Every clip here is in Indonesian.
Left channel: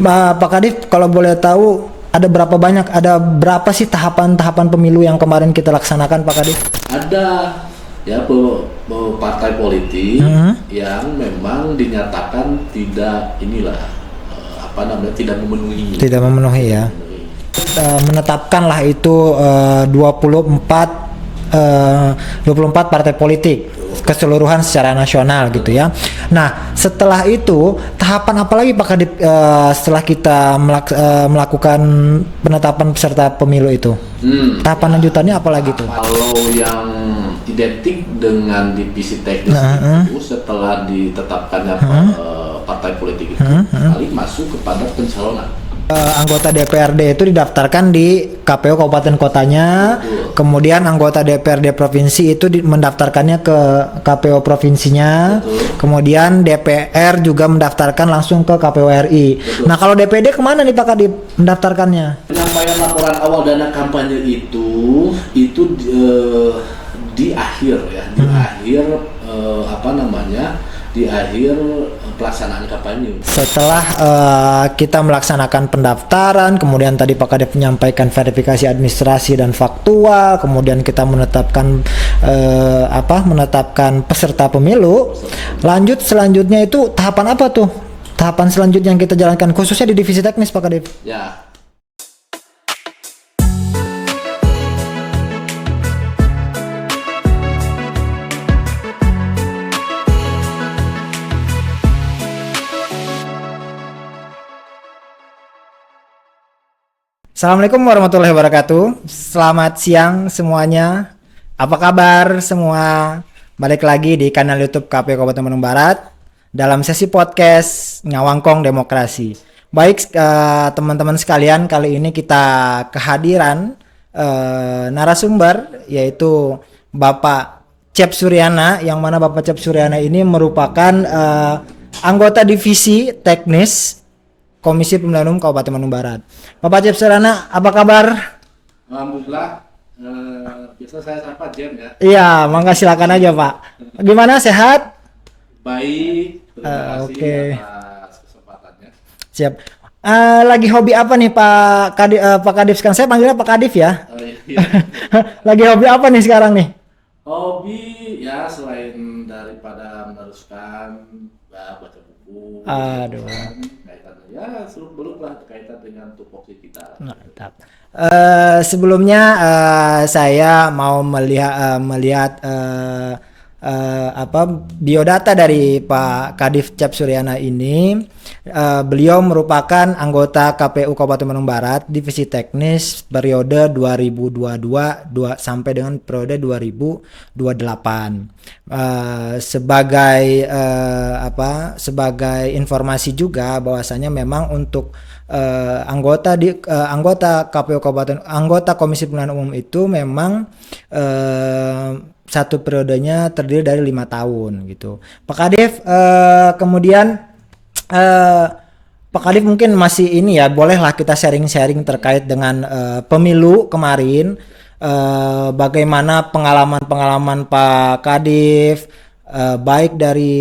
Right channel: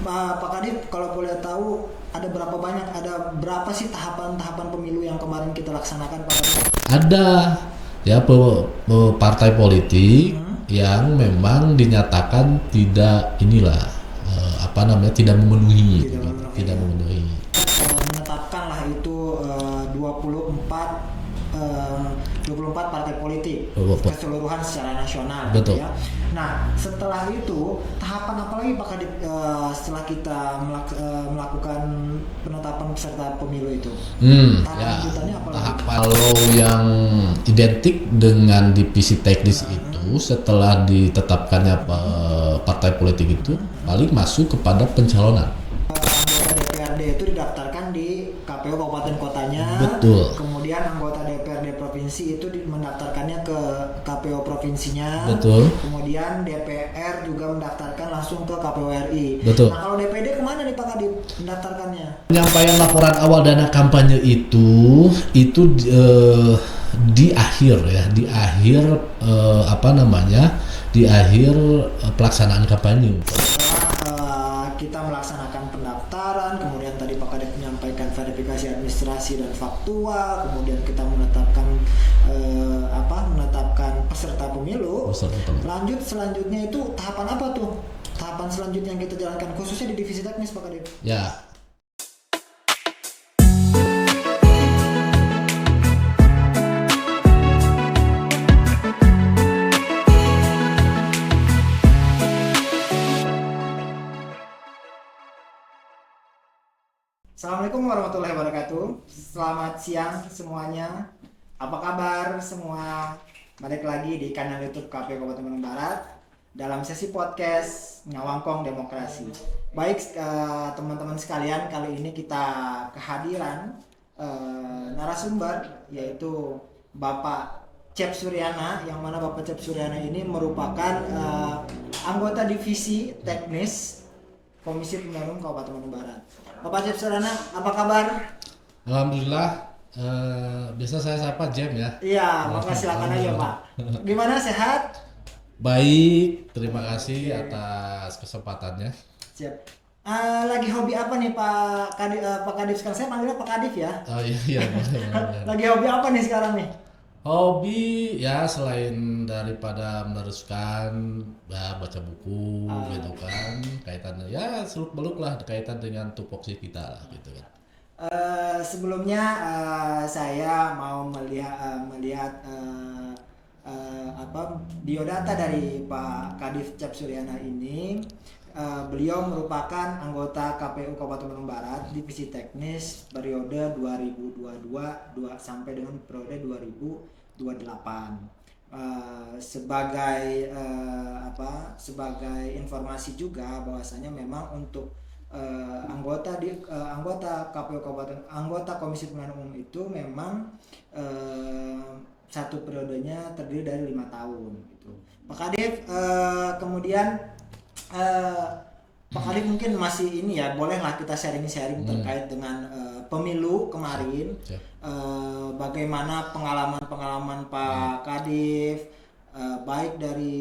Pak Kadif, kalau boleh tahu ada berapa sih tahapan-tahapan pemilu yang kemarin kita laksanakan, Pak Kadif? Ada ya partai politik Hmm, yang memang dinyatakan tidak inilah tidak memenuhi tidak memenuhi tidak ya. memenuhi. Menetapkanlah itu 24 partai politik keseluruhan secara nasional gitu ya. Nah, setelah itu tahapan apa lagi Pak Kadip setelah kita melakukan penetapan peserta pemilu itu? Tahapan lanjutannya apa lagi tuh? Kalau yang identik dengan divisi teknis itu setelah ditetapkannya partai politik itu paling masuk kepada pencalonan. Anggota DPRD itu didaftarkan di KPU kabupaten kotanya. Betul. Kemudian anggota DPRD provinsi itu mendaftarkannya ke KPU provinsinya. Betul. Kemudian DPR juga mendaftarkan langsung ke KPU RI. Betul. Nah, kalau DPD kemana nih Pak Kadip mendaftarkannya? Penyampaian laporan awal dana kampanye itu di akhir ya, di akhir pelaksanaan kampanye. Setelah kita melaksanakan pendaftaran, kemudian tadi Pak Kadep menyampaikan verifikasi administrasi dan faktual, kemudian kita menetapkan peserta pemilu. Lanjut selanjutnya itu tahapan apa tuh? Tahapan selanjutnya yang kita jalankan khususnya di divisi teknis Pak Kadep. Ya. Assalamualaikum warahmatullahi wabarakatuh. Selamat siang semuanya. Apa kabar semua? Balik lagi di kanal YouTube KPU Kabupaten Bandung Barat dalam sesi podcast Ngawangkong Demokrasi. Baik teman-teman sekalian, kali ini kita kehadiran narasumber yaitu Bapak Cep Suryana, yang mana Bapak Cep Suryana ini merupakan anggota divisi teknis Komisi Pemilihan Umum Kabupaten Bandung Barat. Bapak Cep Suryana, apa kabar? Alhamdulillah. Biasa saya sapa Jem ya. Iya, mangga silakan aja Pak. Gimana, sehat? Baik, terima kasih Oke. atas kesempatannya. Siap. Lagi hobi apa nih Pak Kadif sekarang? Saya panggilnya Pak Kadif ya. Oh iya. Lagi hobi apa nih sekarang nih? Hobi ya selain daripada meneruskan ya, baca buku Aduh. gitu kan, kaitannya ya seluk beluk lah kaitan dengan tupoksi kita gitu. Mantap. Sebelumnya saya mau melihat biodata dari Pak Kadif Cep Suryana ini. Beliau merupakan anggota KPU Kabupaten Bandung Barat divisi teknis periode 2022 sampai dengan periode 2028. Sebagai informasi juga bahwasanya memang untuk anggota KPU Kabupaten, anggota Komisi Pemilihan Umum itu memang satu periodenya terdiri dari 5 tahun gitu. Pak Kadif, kemudian Pak Kadif mungkin masih ini ya, bolehlah kita sharing-sharing terkait dengan pemilu kemarin. Bagaimana pengalaman-pengalaman Pak Kadif, baik dari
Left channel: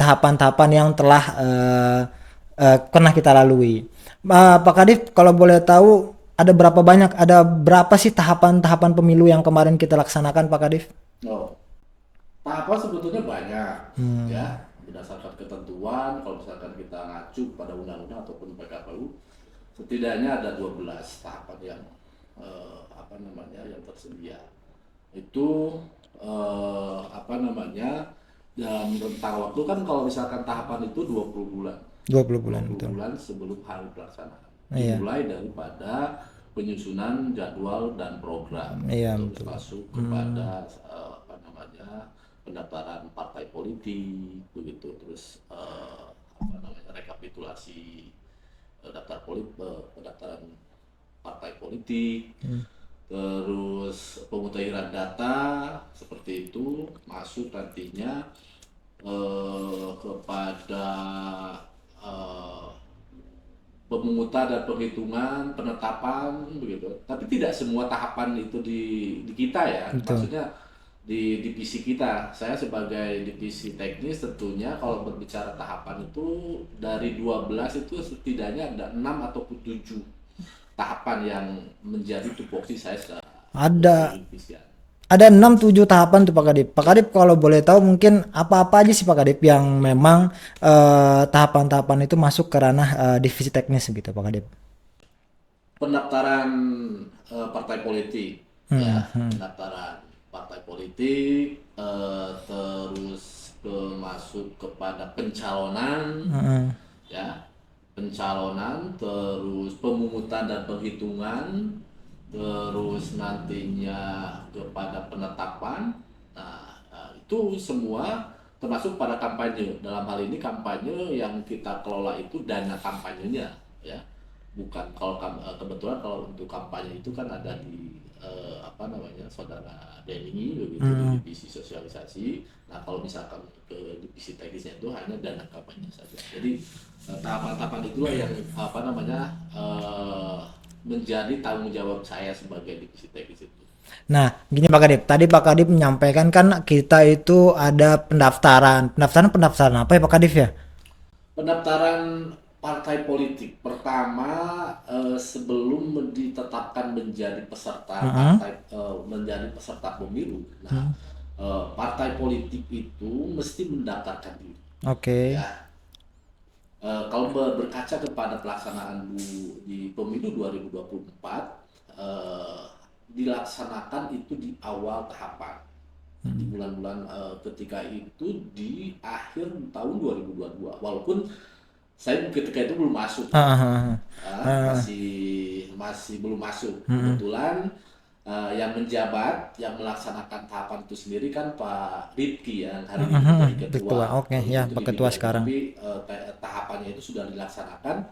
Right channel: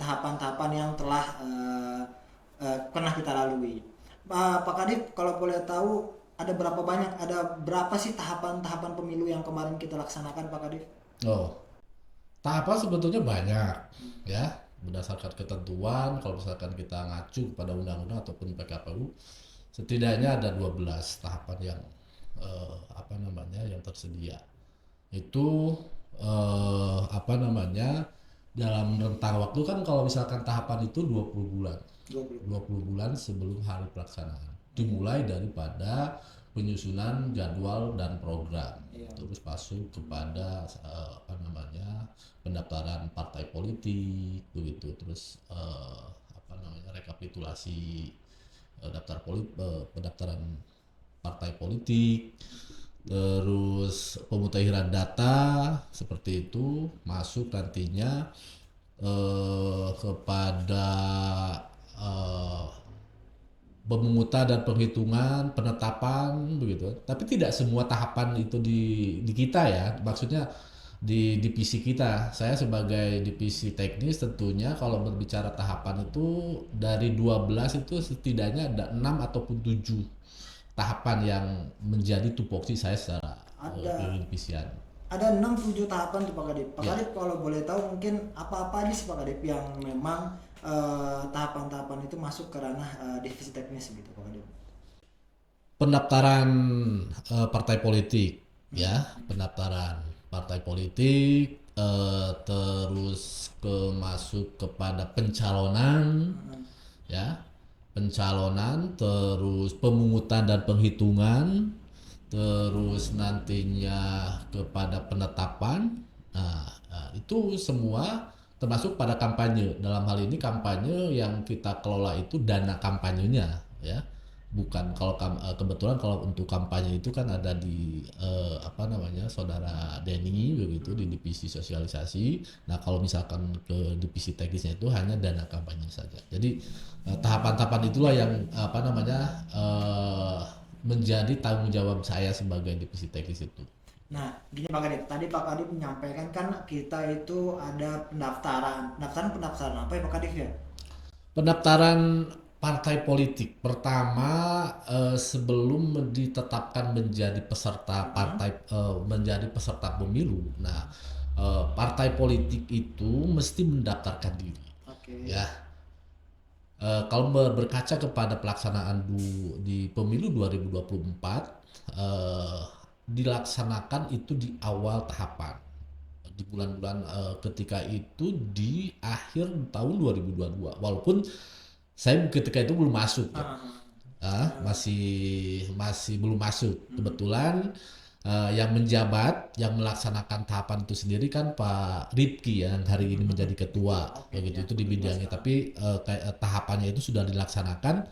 tahapan-tahapan yang telah pernah kita lalui. Pak Kadif, kalau boleh tahu ada berapa sih tahapan-tahapan pemilu yang kemarin kita laksanakan Pak Kadif? Oh, tahapan sebetulnya banyak ya, berdasarkan ketentuan. Kalau misalkan kita ngacu pada undang-undang ataupun PKPU, setidaknya ada 12 tahapan yang yang tersedia. Itu dalam rentang waktu kan, kalau misalkan tahapan itu 20 bulan. 20 bulan. 20 Betul. bulan sebelum hari pelaksanaan. Iya. Dimulai daripada penyusunan jadwal dan program. Iya, Terus betul. masuk kepada pendaftaran partai politik begitu. Terus rekapitulasi pendaftaran partai politik. Terus pemutahiran data seperti itu, masuk nantinya kepada pemungutan dan penghitungan, penetapan begitu. Tapi tidak semua tahapan itu di kita ya. Betul. Maksudnya di divisi kita. Saya sebagai divisi teknis tentunya kalau berbicara tahapan itu dari 12 itu setidaknya ada 6 ataupun 7 tahapan yang menjadi tupoksi saya secara Ada divisian. ada 6-7 tahapan tuh Pak Kadip. Pak Ya. Kadip kalau boleh tahu mungkin apa-apa aja sih Pak Kadip yang memang tahapan-tahapan itu masuk ke ranah divisi teknis gitu Pak Kadip. Pendaftaran partai politik, ya, pendaftaran partai politik, terus masuk kepada pencalonan, ya, pencalonan, terus pemungutan dan penghitungan, terus nantinya kepada penetapan. Itu semua termasuk pada kampanye. Dalam hal ini kampanye yang kita kelola itu dana kampanyenya, ya. Bukan kalau kebetulan kalau untuk kampanye itu kan ada di saudara Denny begitu di divisi sosialisasi. Nah kalau misalkan ke divisi teknisnya itu hanya dana kampanye saja. Jadi tahapan-tahapan itulah yang menjadi tanggung jawab saya sebagai divisi teknis itu. Nah, gini Pak Kadip, tadi Pak Kadip menyampaikan kan kita itu ada pendaftaran apa ya Pak Kadip ya? Pendaftaran partai politik pertama sebelum ditetapkan menjadi peserta menjadi peserta pemilu. Nah, partai politik itu mesti mendaftarkan diri. Oke. Ya, kalau berkaca kepada pelaksanaan di pemilu 2024, dilaksanakan itu di awal tahapan. Di bulan-bulan ketika itu di akhir tahun 2022, walaupun saya ketika itu belum masuk, masih belum masuk. Kebetulan yang menjabat, yang melaksanakan tahapan itu sendiri kan Pak Ripki yang hari ini menjadi ketua. Oke, ya Itu Pak di Ketua bidang. sekarang. Tapi tahapannya itu sudah dilaksanakan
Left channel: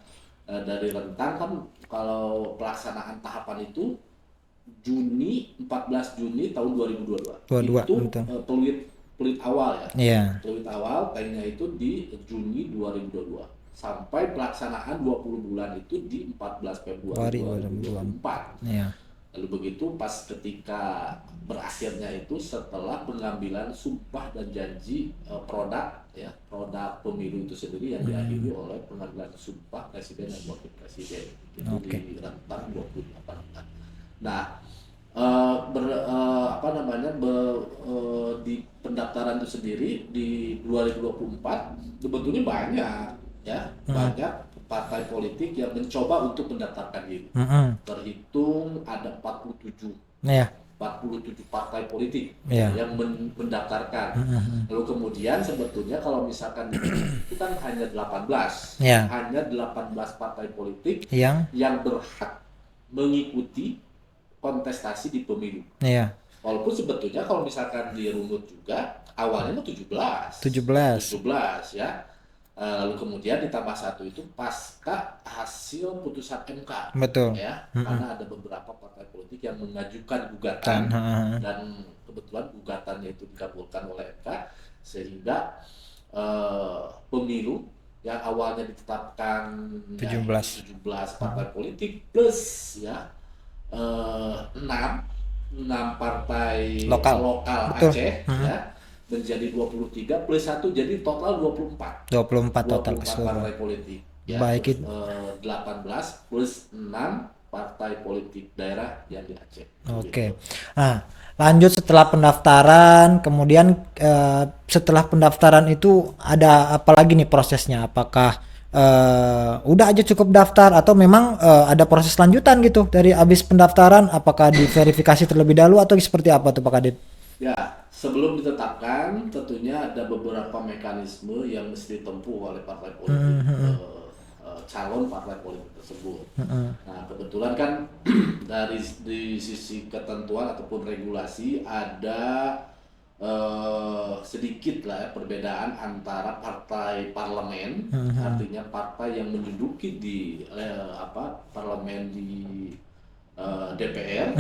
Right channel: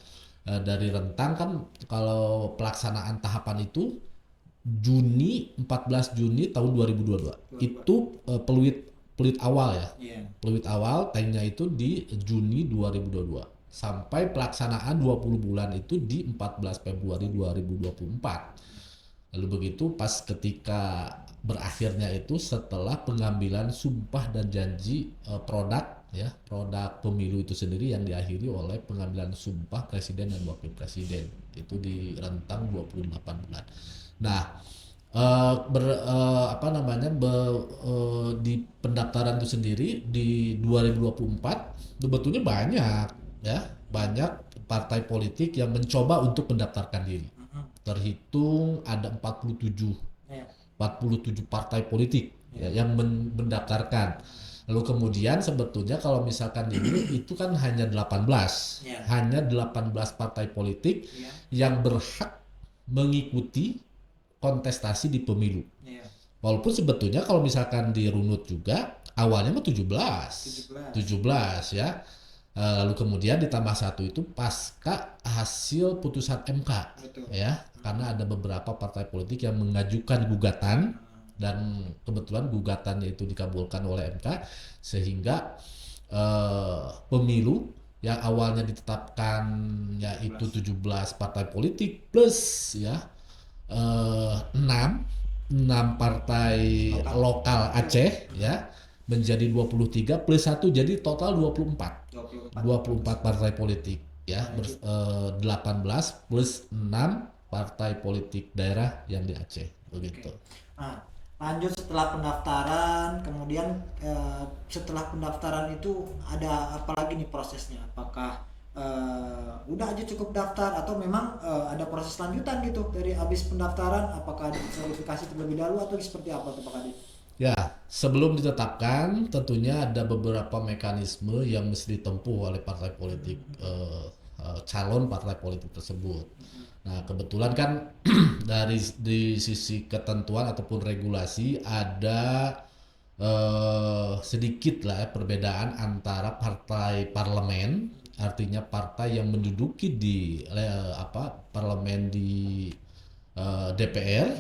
dari rentang kan. Kalau pelaksanaan tahapan itu 14 Juni tahun 2022. 22, Itu betul. peluit awal ya. Iya. Peluit awal tanknya itu di Juni 2022. Sampai pelaksanaan 20 bulan itu di 14 Februari 2024. Iya. Lalu begitu pas ketika berakhirnya itu setelah pengambilan sumpah dan janji produk pemilu itu sendiri yang diakhiri oleh pengambilan sumpah presiden dan wakil presiden itu di rentang 28 bulan. Nah, di pendaftaran itu sendiri di 2024 sebetulnya banyak ya, banyak partai politik yang mencoba untuk mendaftarkan diri. Terhitung ada 47 Iya. 47 partai politik Iya. yang mendaftarkan. Lalu kemudian sebetulnya kalau misalkan itu kan hanya 18. Iya. Hanya 18 partai politik Yang yang berhak mengikuti kontestasi di pemilu. iya. Walaupun sebetulnya kalau misalkan dirunut juga awalnya mah 17 ya. Lalu kemudian ditambah satu itu pasca hasil putusan MK. Betul. Ya, karena ada beberapa partai politik yang mengajukan gugatan dan kebetulan gugatannya itu dikabulkan oleh MK sehingga pemilu yang awalnya ditetapkan 17 partai politik plus ya 6 partai lokal Aceh ya menjadi 23 plus 1 jadi total 24 partai politik ya. Baik. 18 plus 6 partai politik daerah yang di Aceh. Oke. Nah, lanjut setelah pendaftaran, kemudian setelah pendaftaran itu ada apa lagi nih prosesnya? Apakah udah aja cukup daftar atau memang ada proses lanjutan gitu dari habis pendaftaran? Apakah diverifikasi terlebih dahulu atau seperti apa tuh Pak Kadip? Ya, sebelum ditetapkan tentunya ada beberapa mekanisme yang mesti ditempuh oleh partai politik, calon partai politik tersebut. Nah, kebetulan kan di sisi ketentuan ataupun regulasi ada sedikit lah ya perbedaan antara partai parlemen, artinya partai yang menduduki di parlemen di DPR,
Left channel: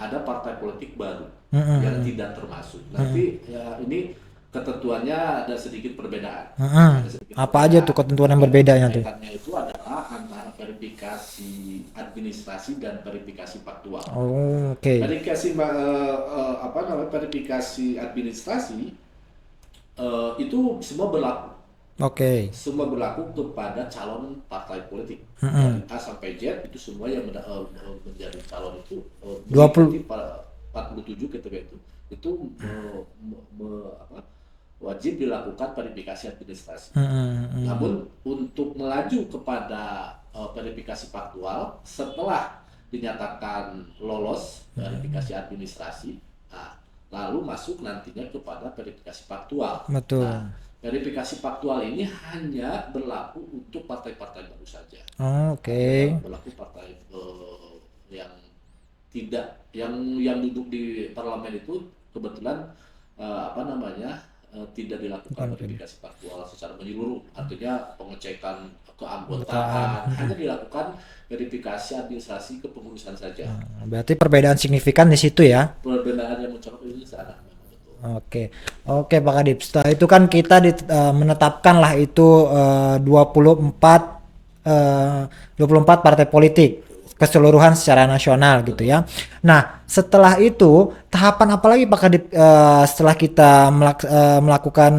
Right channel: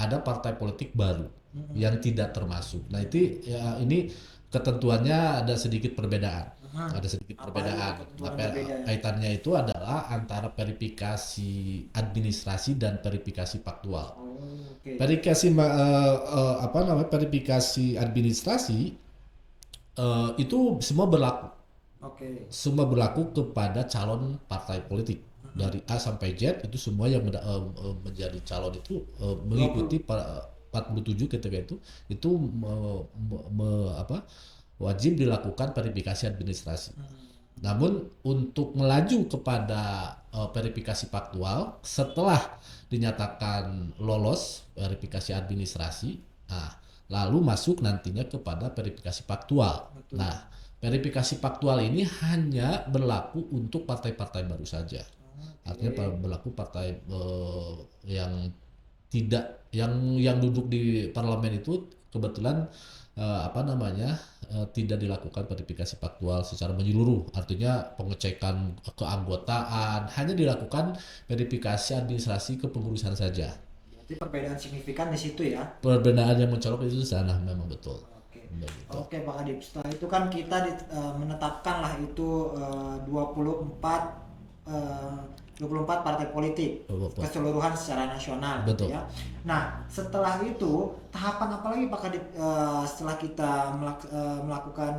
ada partai politik baru yang tidak termasuk. Nanti ya, ini ketentuannya ada sedikit perbedaan. Heeh. Ada sedikit Apa aja tuh ketentuan yang berbedanya tuh? Kaitannya itu adalah antara verifikasi administrasi dan verifikasi faktual. Oh, oke. Verifikasi administrasi itu Oke. semua berlaku kepada calon partai politik dari A sampai Z, itu semua yang menjadi calon itu 20 mengikuti 47 ketika itu wajib dilakukan verifikasi administrasi. Namun untuk melaju kepada verifikasi faktual setelah dinyatakan lolos verifikasi administrasi, nah, lalu masuk nantinya kepada verifikasi faktual. Betul. Nah, verifikasi faktual ini hanya berlaku untuk partai-partai baru saja. Oh, oke. Artinya berlaku partai yang tidak yang duduk di parlemen itu kebetulan tidak dilakukan verifikasi faktual secara menyeluruh. Artinya pengecekan keanggotaan hanya dilakukan verifikasi administrasi kepengurusan saja. Berarti perbedaan signifikan di situ ya. Perbedaan yang mencolok itu sana memang betul. Oke. Oke, Pak Kadip. Setelah itu kan kita menetapkan lah itu 24 partai politik keseluruhan secara nasional gitu ya. Nah, setelah itu tahapan apa lagi Pak Kadip setelah kita melakukan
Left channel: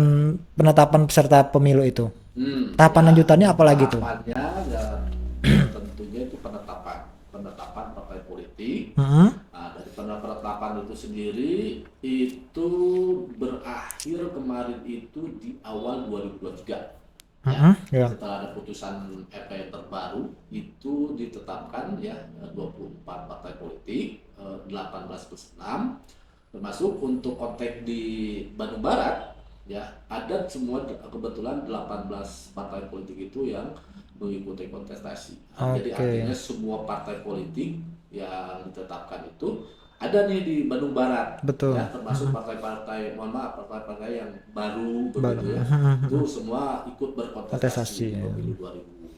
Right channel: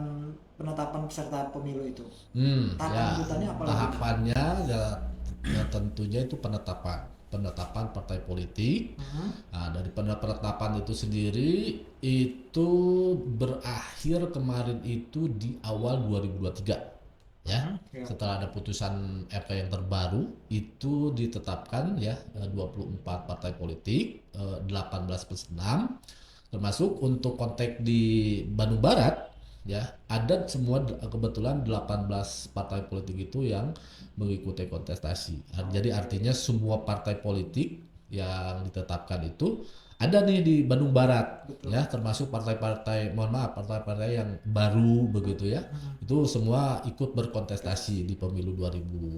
penetapan peserta pemilu itu? Tahapan lanjutannya apa lagi tuh? Tahapannya tentunya itu penetapan partai politik. Nah, dari penetapan itu sendiri itu berakhir kemarin itu di awal 2023. Ya. Setelah ada putusan MK yang terbaru itu ditetapkan ya 24 partai politik, 18+6, termasuk untuk konteks di Bandung Barat ya ada semua kebetulan 18 partai politik itu yang mengikuti kontestasi. Jadi artinya semua partai politik yang ditetapkan itu ada nih di Bandung Barat. Betul. Ya, termasuk partai-partai yang baru begitu ya. Itu semua ikut berkontestasi di pemilu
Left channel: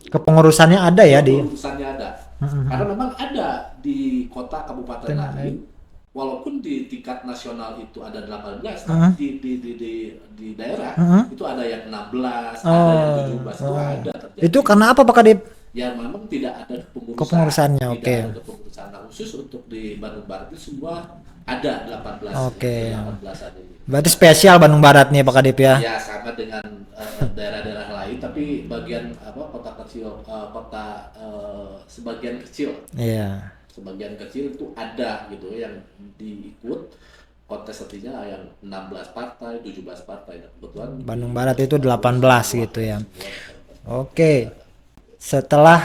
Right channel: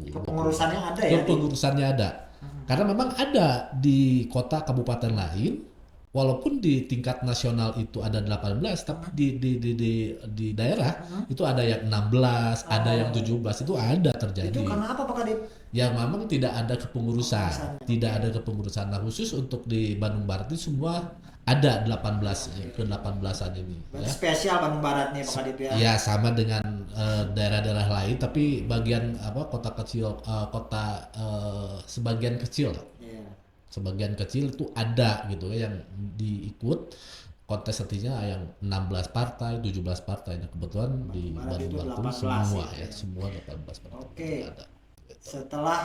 2000. Kepengurusannya ada ya Kepengurusannya ada. Karena memang ada di kota kabupaten lain. Walaupun di tingkat nasional itu ada 18, tapi di daerah itu ada yang 16, ada yang 17, itu ada terjadi. Itu karena apa Pak Kadip? Ya memang tidak ada Kepengurusannya, tidak ada kepengurusan. Nah, khusus untuk di Bandung Barat itu semua ada 18-an ini. Berarti spesial Bandung Barat nih Pak Kadip ya? Ya sama dengan daerah-daerah lain, tapi bagian kota kecil, sebagian kecil. Iya. Sebagian kecil itu ada gitu yang diikut kontestasinya yang 16 partai, 17 partai. Nah, kebetulan Bandung Barat itu 18 gitu ya. Oke. Ada. Setelah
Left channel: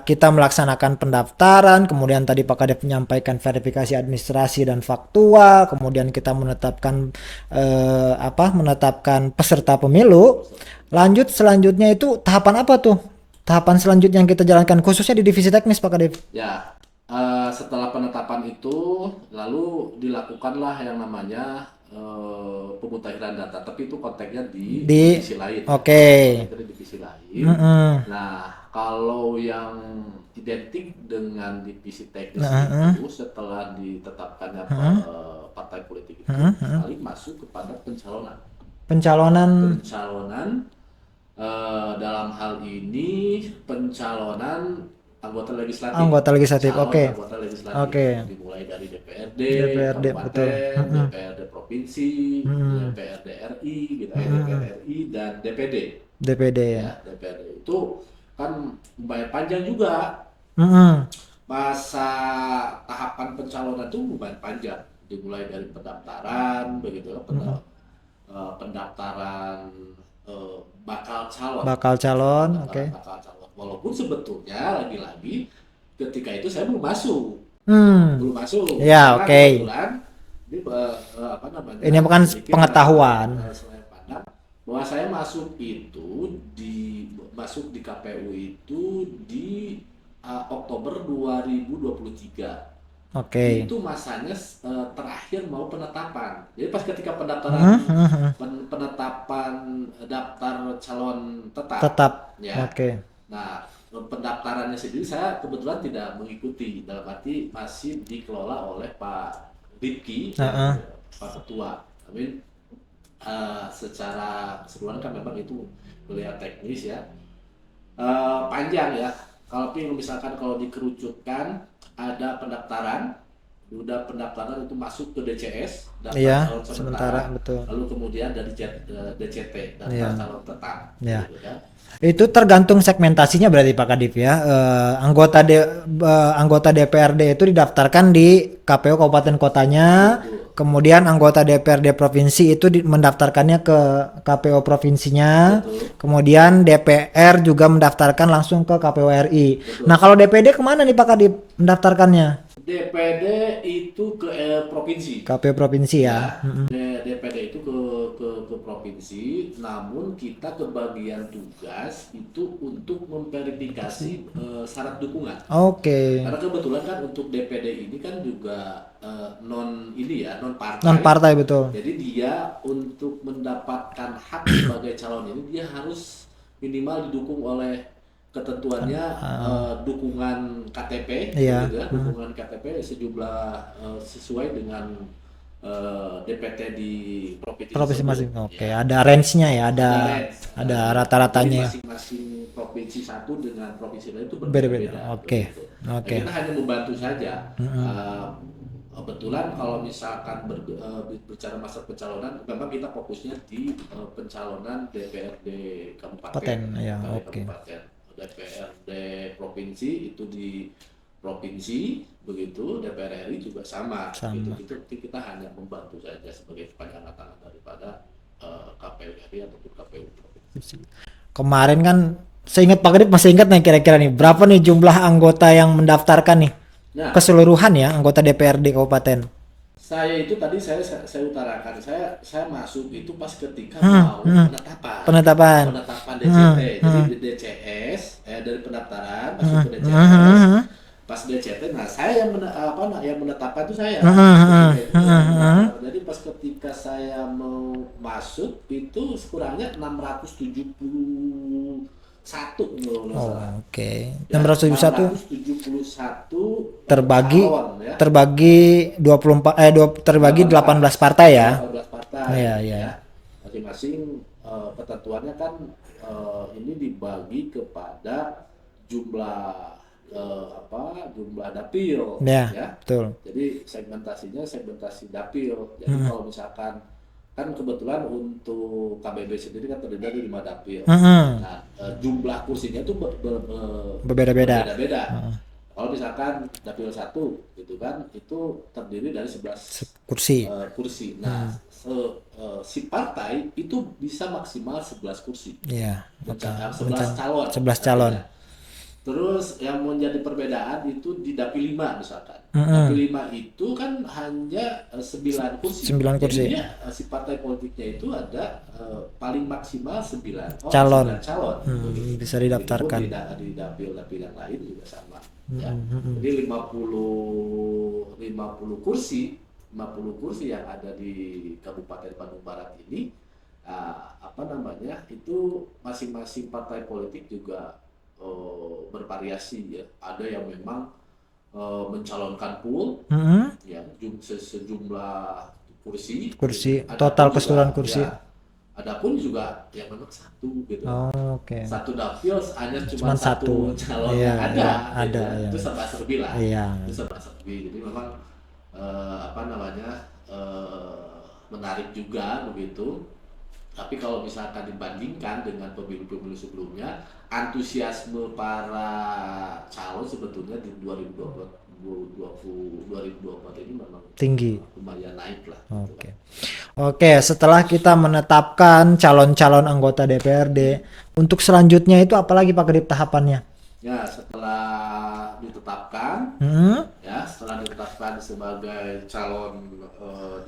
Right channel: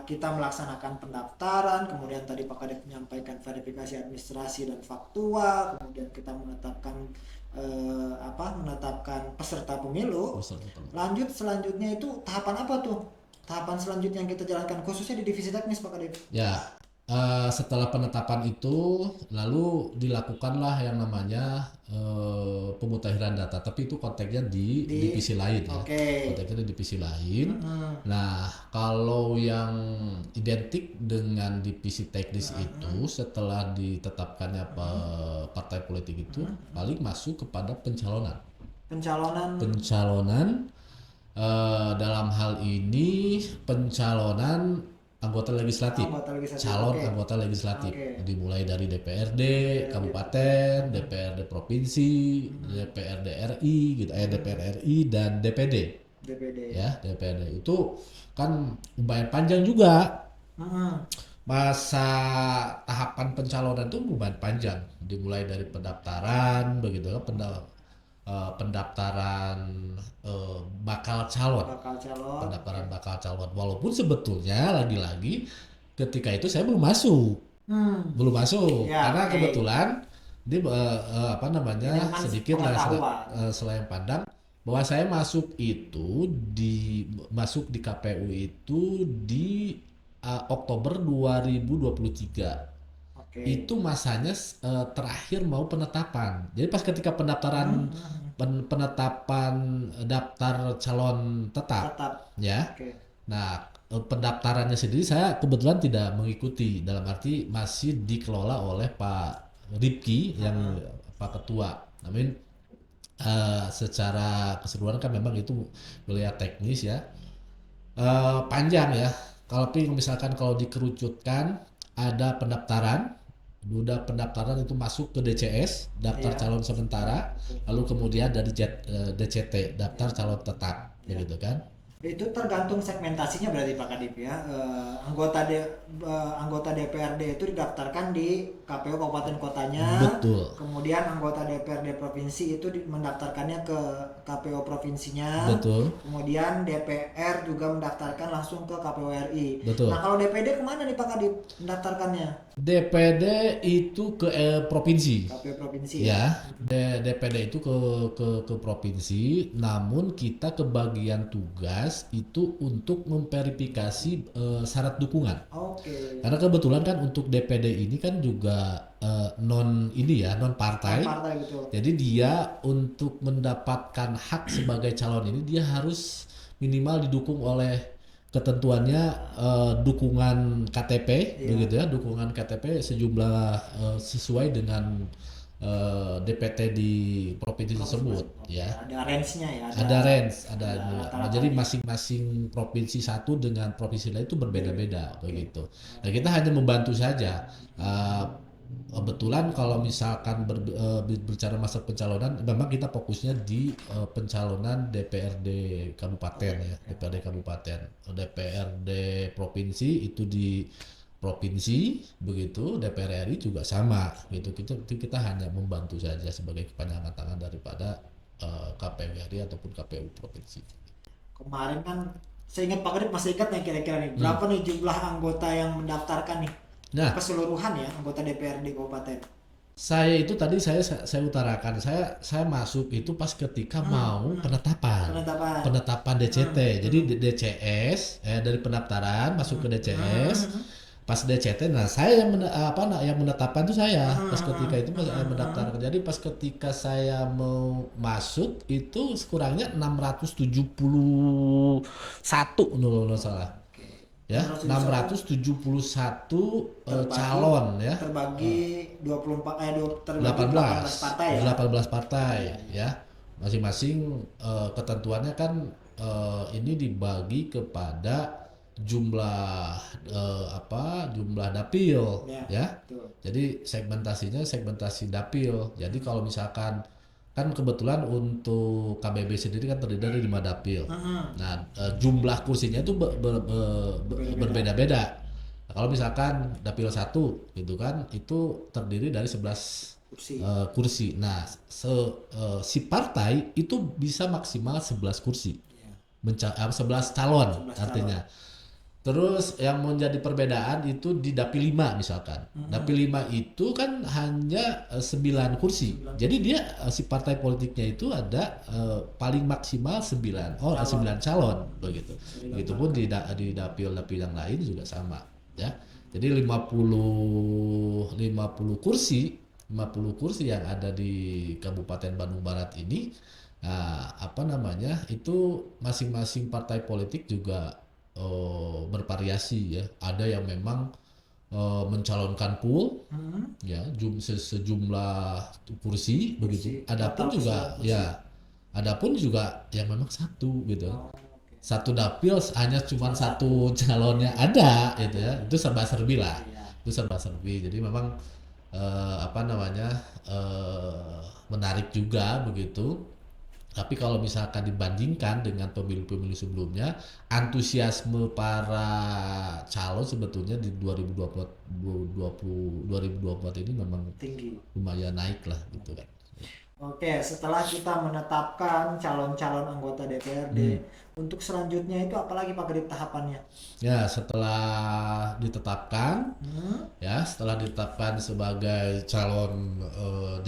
kita melaksanakan pendaftaran, kemudian tadi Pak Kadep menyampaikan verifikasi administrasi dan faktual, kemudian kita menetapkan peserta pemilu. Lanjut selanjutnya itu tahapan apa tuh? Tahapan selanjutnya yang kita jalankan khususnya di divisi teknis Pak Kadep. Ya, setelah penetapan itu lalu dilakukanlah yang namanya pemutakhiran data, tapi itu konteksnya di divisi lain. Oke. Konteksnya di divisi lain. Nah, kalau yang identik dengan divisi teknis itu setelah ditetapkannya partai politik itu paling masuk kepada pencalonan dalam hal ini pencalonan anggota legislatif. Anggota legislatif. Dimulai dari DPRD kabupaten, DPRD provinsi, DPRD RI gitu, DPR RI dan DPD ya. DPD itu kan lumayan panjang juga. Masa tahapan pencalonan itu lumayan panjang, dimulai dari pendaftaran begitu kan, pendaftaran bakal calon. Walaupun sebetulnya lagi-lagi ketika itu saya belum masuk. Ya, karena kebetulan ini bukan pengetahuan. Selain pandang bahwa saya masuk di KPU itu di Oktober 2023. Itu masanya terakhir mau penetapan. Jadi pas ketika pendaftaran penetapan daftar calon tetap. Ya. Nah, pendaftarannya sendiri saya kebetulan tidak mengikuti, dalam arti masih dikelola oleh Pak Ripki dan Pak Ketua. Namun secara keseluruhan kan memang itu melihat teknis ya. Panjang ya. Tapi misalkan kalau dikerucutkan ada pendaftaran, udah pendaftaran itu masuk ke DCS, daftar Iya, calon sementara sementara, betul. lalu kemudian dari DCT, daftar Iya. calon tetap, Ya. gitu kan? Itu tergantung segmentasinya berarti Pak Kadif ya. Anggota DPRD itu didaftarkan di KPU kabupaten kotanya, Betul, kemudian anggota DPRD provinsi itu mendaftarkannya ke KPU provinsinya, betul, kemudian DPR juga mendaftarkan langsung ke KPU RI. Nah, betul. kalau DPD kemana nih Pak Kadif mendaftarkannya? DPD itu ke provinsi. KPU provinsi ya. Ya, DPD itu ke provinsi, namun kita kebagian tugas itu untuk memverifikasi syarat dukungan. Oke. Karena kebetulan kan untuk DPD ini kan juga non ini ya, non Non partai. partai betul. Jadi dia untuk mendapatkan hak sebagai calon ini dia harus minimal didukung oleh ketentuannya dukungan KTP, Iya. begitu ya, dukungan KTP sejumlah sesuai dengan DPT di provinsi Provinsi masing. tersebut. Oke, Ya, ada range-nya ya, ada ada range, ada range. Jadi rata-ratanya. masing-masing provinsi satu dengan provinsi lain itu Beda-beda. berbeda-beda Oke. begitu. Nah, Oke. kita hanya membantu saja. Kebetulan kalau misalkan berbicara masa pencalonan, memang kita fokusnya di pencalonan DPRD kabupaten, Paten, ya, DPRD oke. kabupaten, DPRD provinsi itu di provinsi begitu, DPR RI juga sama, gitu. Kita hanya membantu saja sebagai kepanjangan tangan daripada KPU RI ataupun KPU provinsi. Kemarin kan seingat Pak Kadip masih ingat nih kira-kira nih berapa nih jumlah anggota yang mendaftarkan nih Nah, keseluruhan ya anggota DPRD kabupaten. saya itu tadi saya utarakan, saya masuk itu pas ketika mau penetapan. Penetapan. Penetapan DCT. Jadi DCS dari pendaftaran masuk ke DCS. Pas DCT, nah saya yang menetapkan itu saya. Pas ketika itu saya yang mendaftar. Jadi pas ketika saya mau masuk itu sekurangnya 671 menurut Oh, salah. oke. Ya, 671 671 terbagi calon ya. terbagi 24 terbagi 18 partai ya. 18 partai Iya, iya. ya. Masing-masing ketentuannya kan ini dibagi kepada jumlah jumlah dapil Ya, ya. betul. Jadi segmentasi dapil. Jadi kalau misalkan kan kebetulan untuk KBB sendiri kan terdiri dari 5 dapil. Nah, jumlah kursinya itu Berbeda-beda. berbeda-beda. Nah, kalau misalkan dapil 1 gitu kan itu terdiri dari 11 Kursi. kursi. Nah, si partai itu bisa maksimal 11 kursi. Iya. 11 calon. 11 calon. artinya. Terus yang menjadi perbedaan itu di dapil 5 misalkan. Dapil 5 itu kan hanya 9 kursi. 9 Jadi kursi. dia si partai politiknya itu ada paling maksimal 9 Calon. 9 calon begitu. Bisa didaftarkan. Begitupun di dapil-dapil yang lain juga sama ya. Jadi 50 kursi 50 kursi yang ada di Kabupaten Bandung Barat ini itu masing-masing partai politik juga bervariasi ya. Ada yang memang mencalonkan pool ya sejumlah kursi Kursi, begitu. total Adapun keseluruhan juga, kursi. ya, adapun juga yang memang satu gitu. Oh, oke. Satu dapil hanya cuma Cuman satu satu. calon Iya, yang ada ada, gitu ya. iya. Itu serba-serbi lah. Iya. Itu serba-serbi. Jadi memang menarik juga begitu. Tapi kalau misalkan dibandingkan dengan pemilu-pemilu sebelumnya, antusiasme para calon sebetulnya di 2024 ini memang Tinggi. lumayan naik lah. Gitu Oke. kan. Oke, setelah kita menetapkan calon-calon anggota DPRD, untuk selanjutnya itu apalagi Pak Kadip tahapannya? Ya, setelah ditetapkan sebagai calon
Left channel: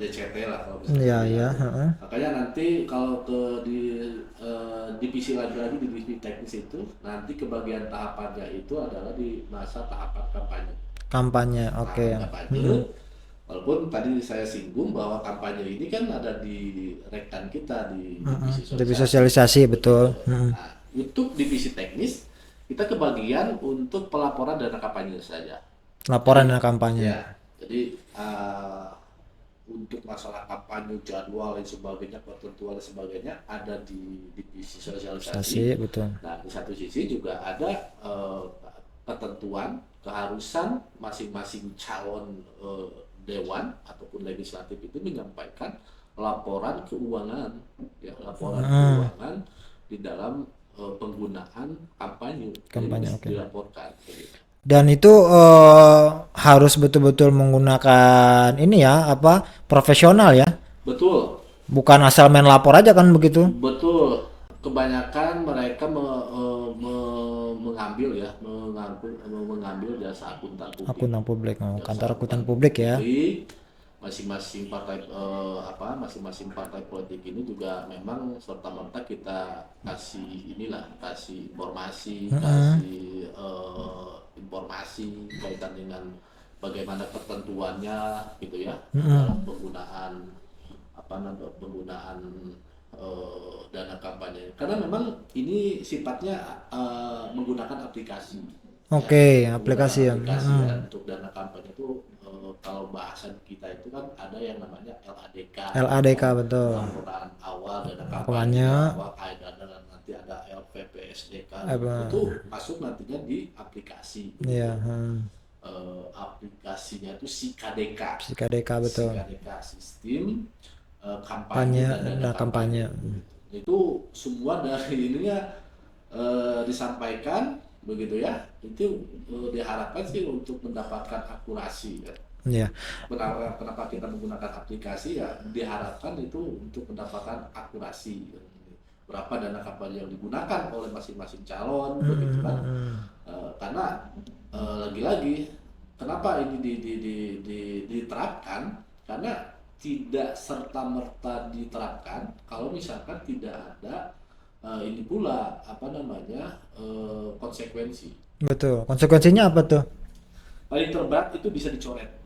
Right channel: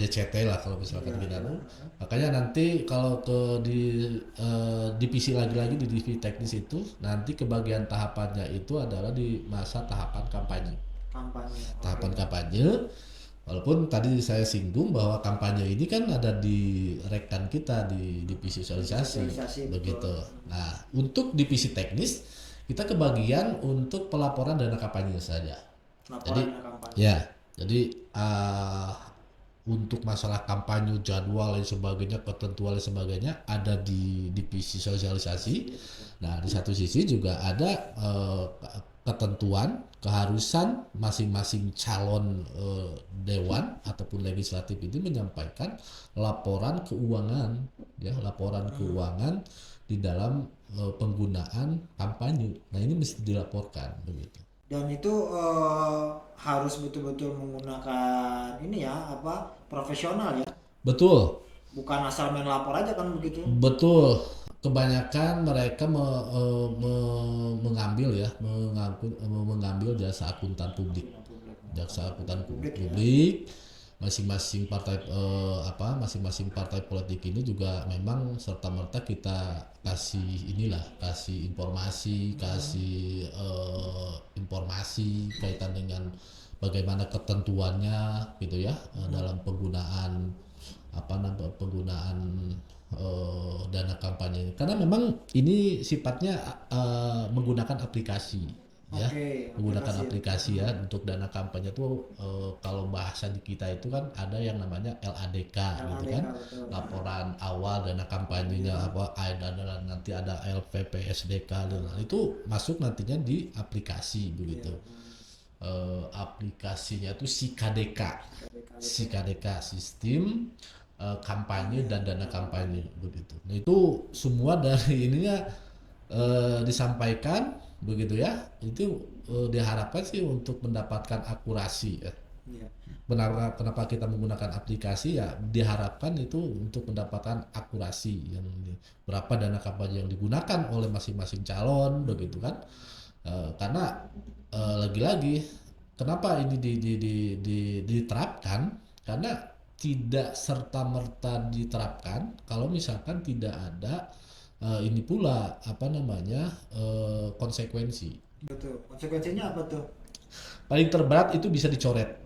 DCT lah kalau misalnya Iya, bilang. iya. Makanya nanti kalau di divisi lagi-lagi di divisi teknis itu nanti kebagian tahapannya itu adalah di masa tahapan kampanye. Kampanye, oke. Tahapan kampanye. Walaupun tadi saya singgung bahwa kampanye ini kan ada di rekan kita di divisi Divisi sosialisasi, betul. Begitu. Nah, untuk divisi teknis kita kebagian untuk pelaporan dana kampanye saja. Laporan dan kampanye. Ya, jadi untuk masalah kampanye, jadwal dan sebagainya, ketentuan dan sebagainya ada di divisi sosialisasi. Betul. Nah, di satu sisi juga ada ketentuan, keharusan masing-masing calon dewan ataupun legislatif itu menyampaikan laporan keuangan, ya, laporan keuangan di dalam penggunaan kampanye. Jadi bisa dilaporkan begitu. Dan itu harus betul-betul menggunakan ini ya, apa, profesional ya. Betul. Bukan asal main lapor aja kan begitu. Betul, kebanyakan mereka mengambil jasa akuntan publik. Akuntan publik, Jasa kantor akuntan publik ya. Masing-masing masing-masing partai politik ini juga memang serta merta kita kasih informasi kaitan dengan bagaimana ketentuannya gitu ya, dalam penggunaan dana kampanye, karena memang ini sifatnya menggunakan aplikasi. Oke, Ya, aplikasi ya. ya untuk dana kampanye itu kalau bahasa di kita itu kan ada yang namanya LADK. LADK ya, betul. laporan awal dana kampanye. Nanti ada LPPSDK. Itu masuk nantinya di aplikasi begitu. Iya. Aplikasinya itu SIKADK. SIKADK betul. SIKADK, sistem kampanye dan dana kampanye. Begitu. Nah, itu semua dari ininya disampaikan begitu ya, itu diharapkan sih untuk mendapatkan akurasi ya. Iya. Kenapa kita menggunakan aplikasi ya, diharapkan itu untuk mendapatkan akurasi yang berapa dana kampanye yang digunakan oleh masing-masing calon begitu kan. Karena lagi-lagi kenapa ini diterapkan, karena tidak serta-merta diterapkan kalau misalkan tidak ada ini pula konsekuensi. Betul. Konsekuensinya apa tuh? Paling terberat itu bisa dicoret.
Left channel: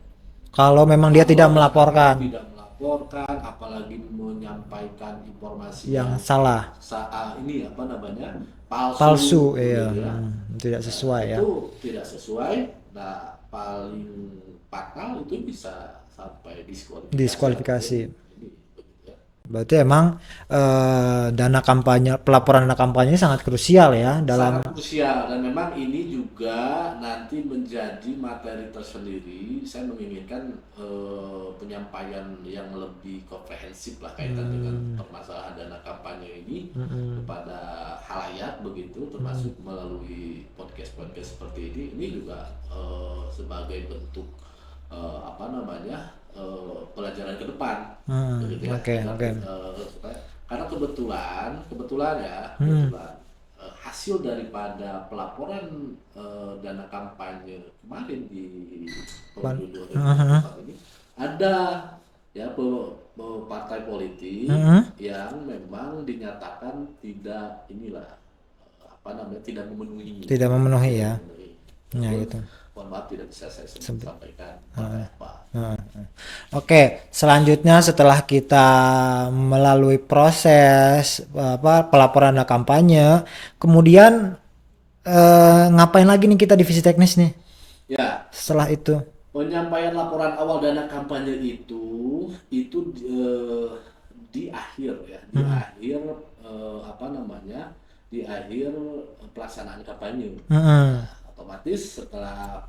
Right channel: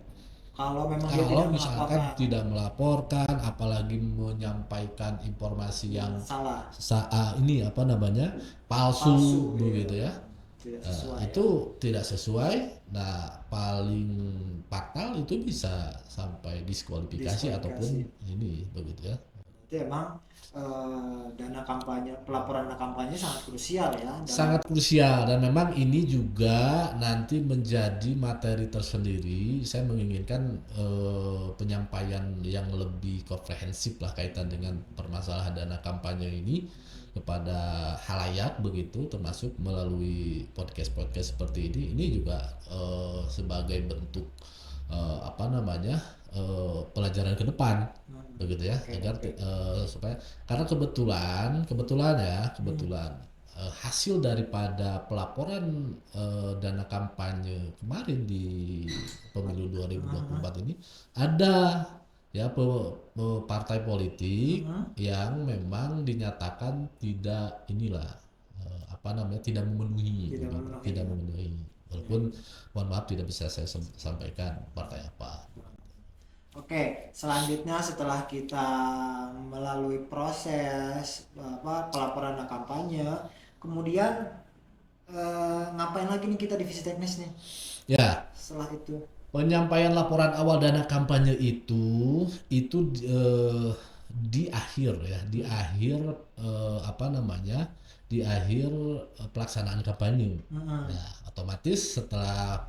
Kalau memang dia tidak melaporkan. Tidak melaporkan, apalagi menyampaikan informasi yang salah. Palsu, iya. gitu ya. Tidak sesuai ya. Itu tidak sesuai. Nah, paling fatal itu bisa sampai diskualifikasi. Ini begitu ya. Berarti emang dana kampanye, pelaporan dana kampanye sangat krusial ya dalam. Sangat krusial, dan memang ini juga nanti menjadi materi tersendiri. Saya menginginkan penyampaian yang lebih komprehensif lah kaitan dengan permasalahan dana kampanye ini kepada halayak begitu, termasuk melalui podcast seperti ini. Ini juga sebagai bentuk pelajaran ke depan, begitu ya. Supaya, karena kebetulan hasil daripada pelaporan dana kampanye kemarin di pemilu 2024 ini ada ya partai politik yang memang dinyatakan tidak tidak memenuhi ya. Ya, gitu. Mohon maaf tidak bisa saya sampaikan partai apa. Oke, selanjutnya setelah kita melalui proses pelaporan dana kampanye, kemudian ngapain lagi nih kita divisi teknis nih? Ya. Setelah itu penyampaian laporan awal dana kampanye itu di akhir ya, di akhir pelaksanaan kampanye. Nah, otomatis setelah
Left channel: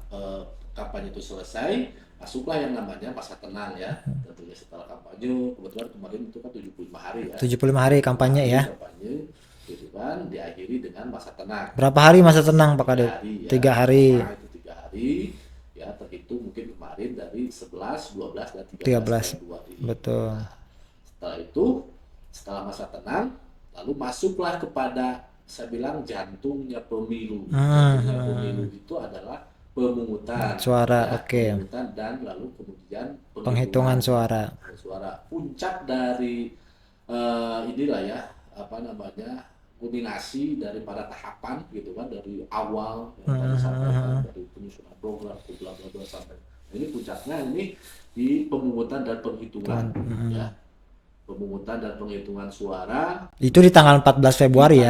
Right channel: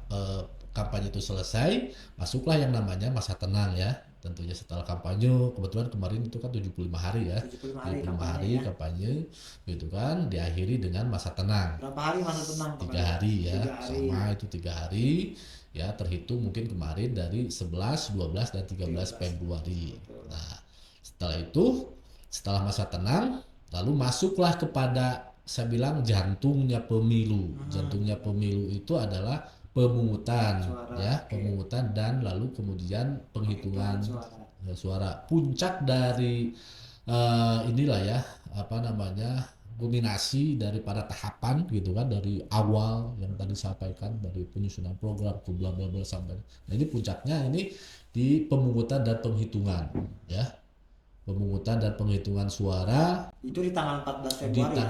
kampanye itu selesai, masuklah yang namanya masa tenang ya. Tentunya setelah kampanye, kebetulan kemarin itu kan 75 hari ya. 75 hari kampanye ya. Kampanye gitu kan, diakhiri dengan masa tenang. Berapa hari masa tenang Pak Kadep? 3 hari ya. 3 hari. Nah, itu 3 hari ya, terhitung mungkin kemarin dari 11, 12 dan 13 Februari. Betul. Nah, setelah itu, setelah masa tenang, lalu masuklah kepada, saya bilang, jantungnya pemilu. Jantungnya pemilu itu adalah pemungutan suara, ya, pemungutan dan lalu kemudian penghitungan suara. Puncak dari kulminasi daripada tahapan gitu kan, dari awal yang tadi sampaikan, dari penyusunan program ke bla bla bla sampai. Nah, ini puncaknya ini di pemungutan dan penghitungan ya. Pemungutan dan penghitungan suara itu di tanggal 14 Februari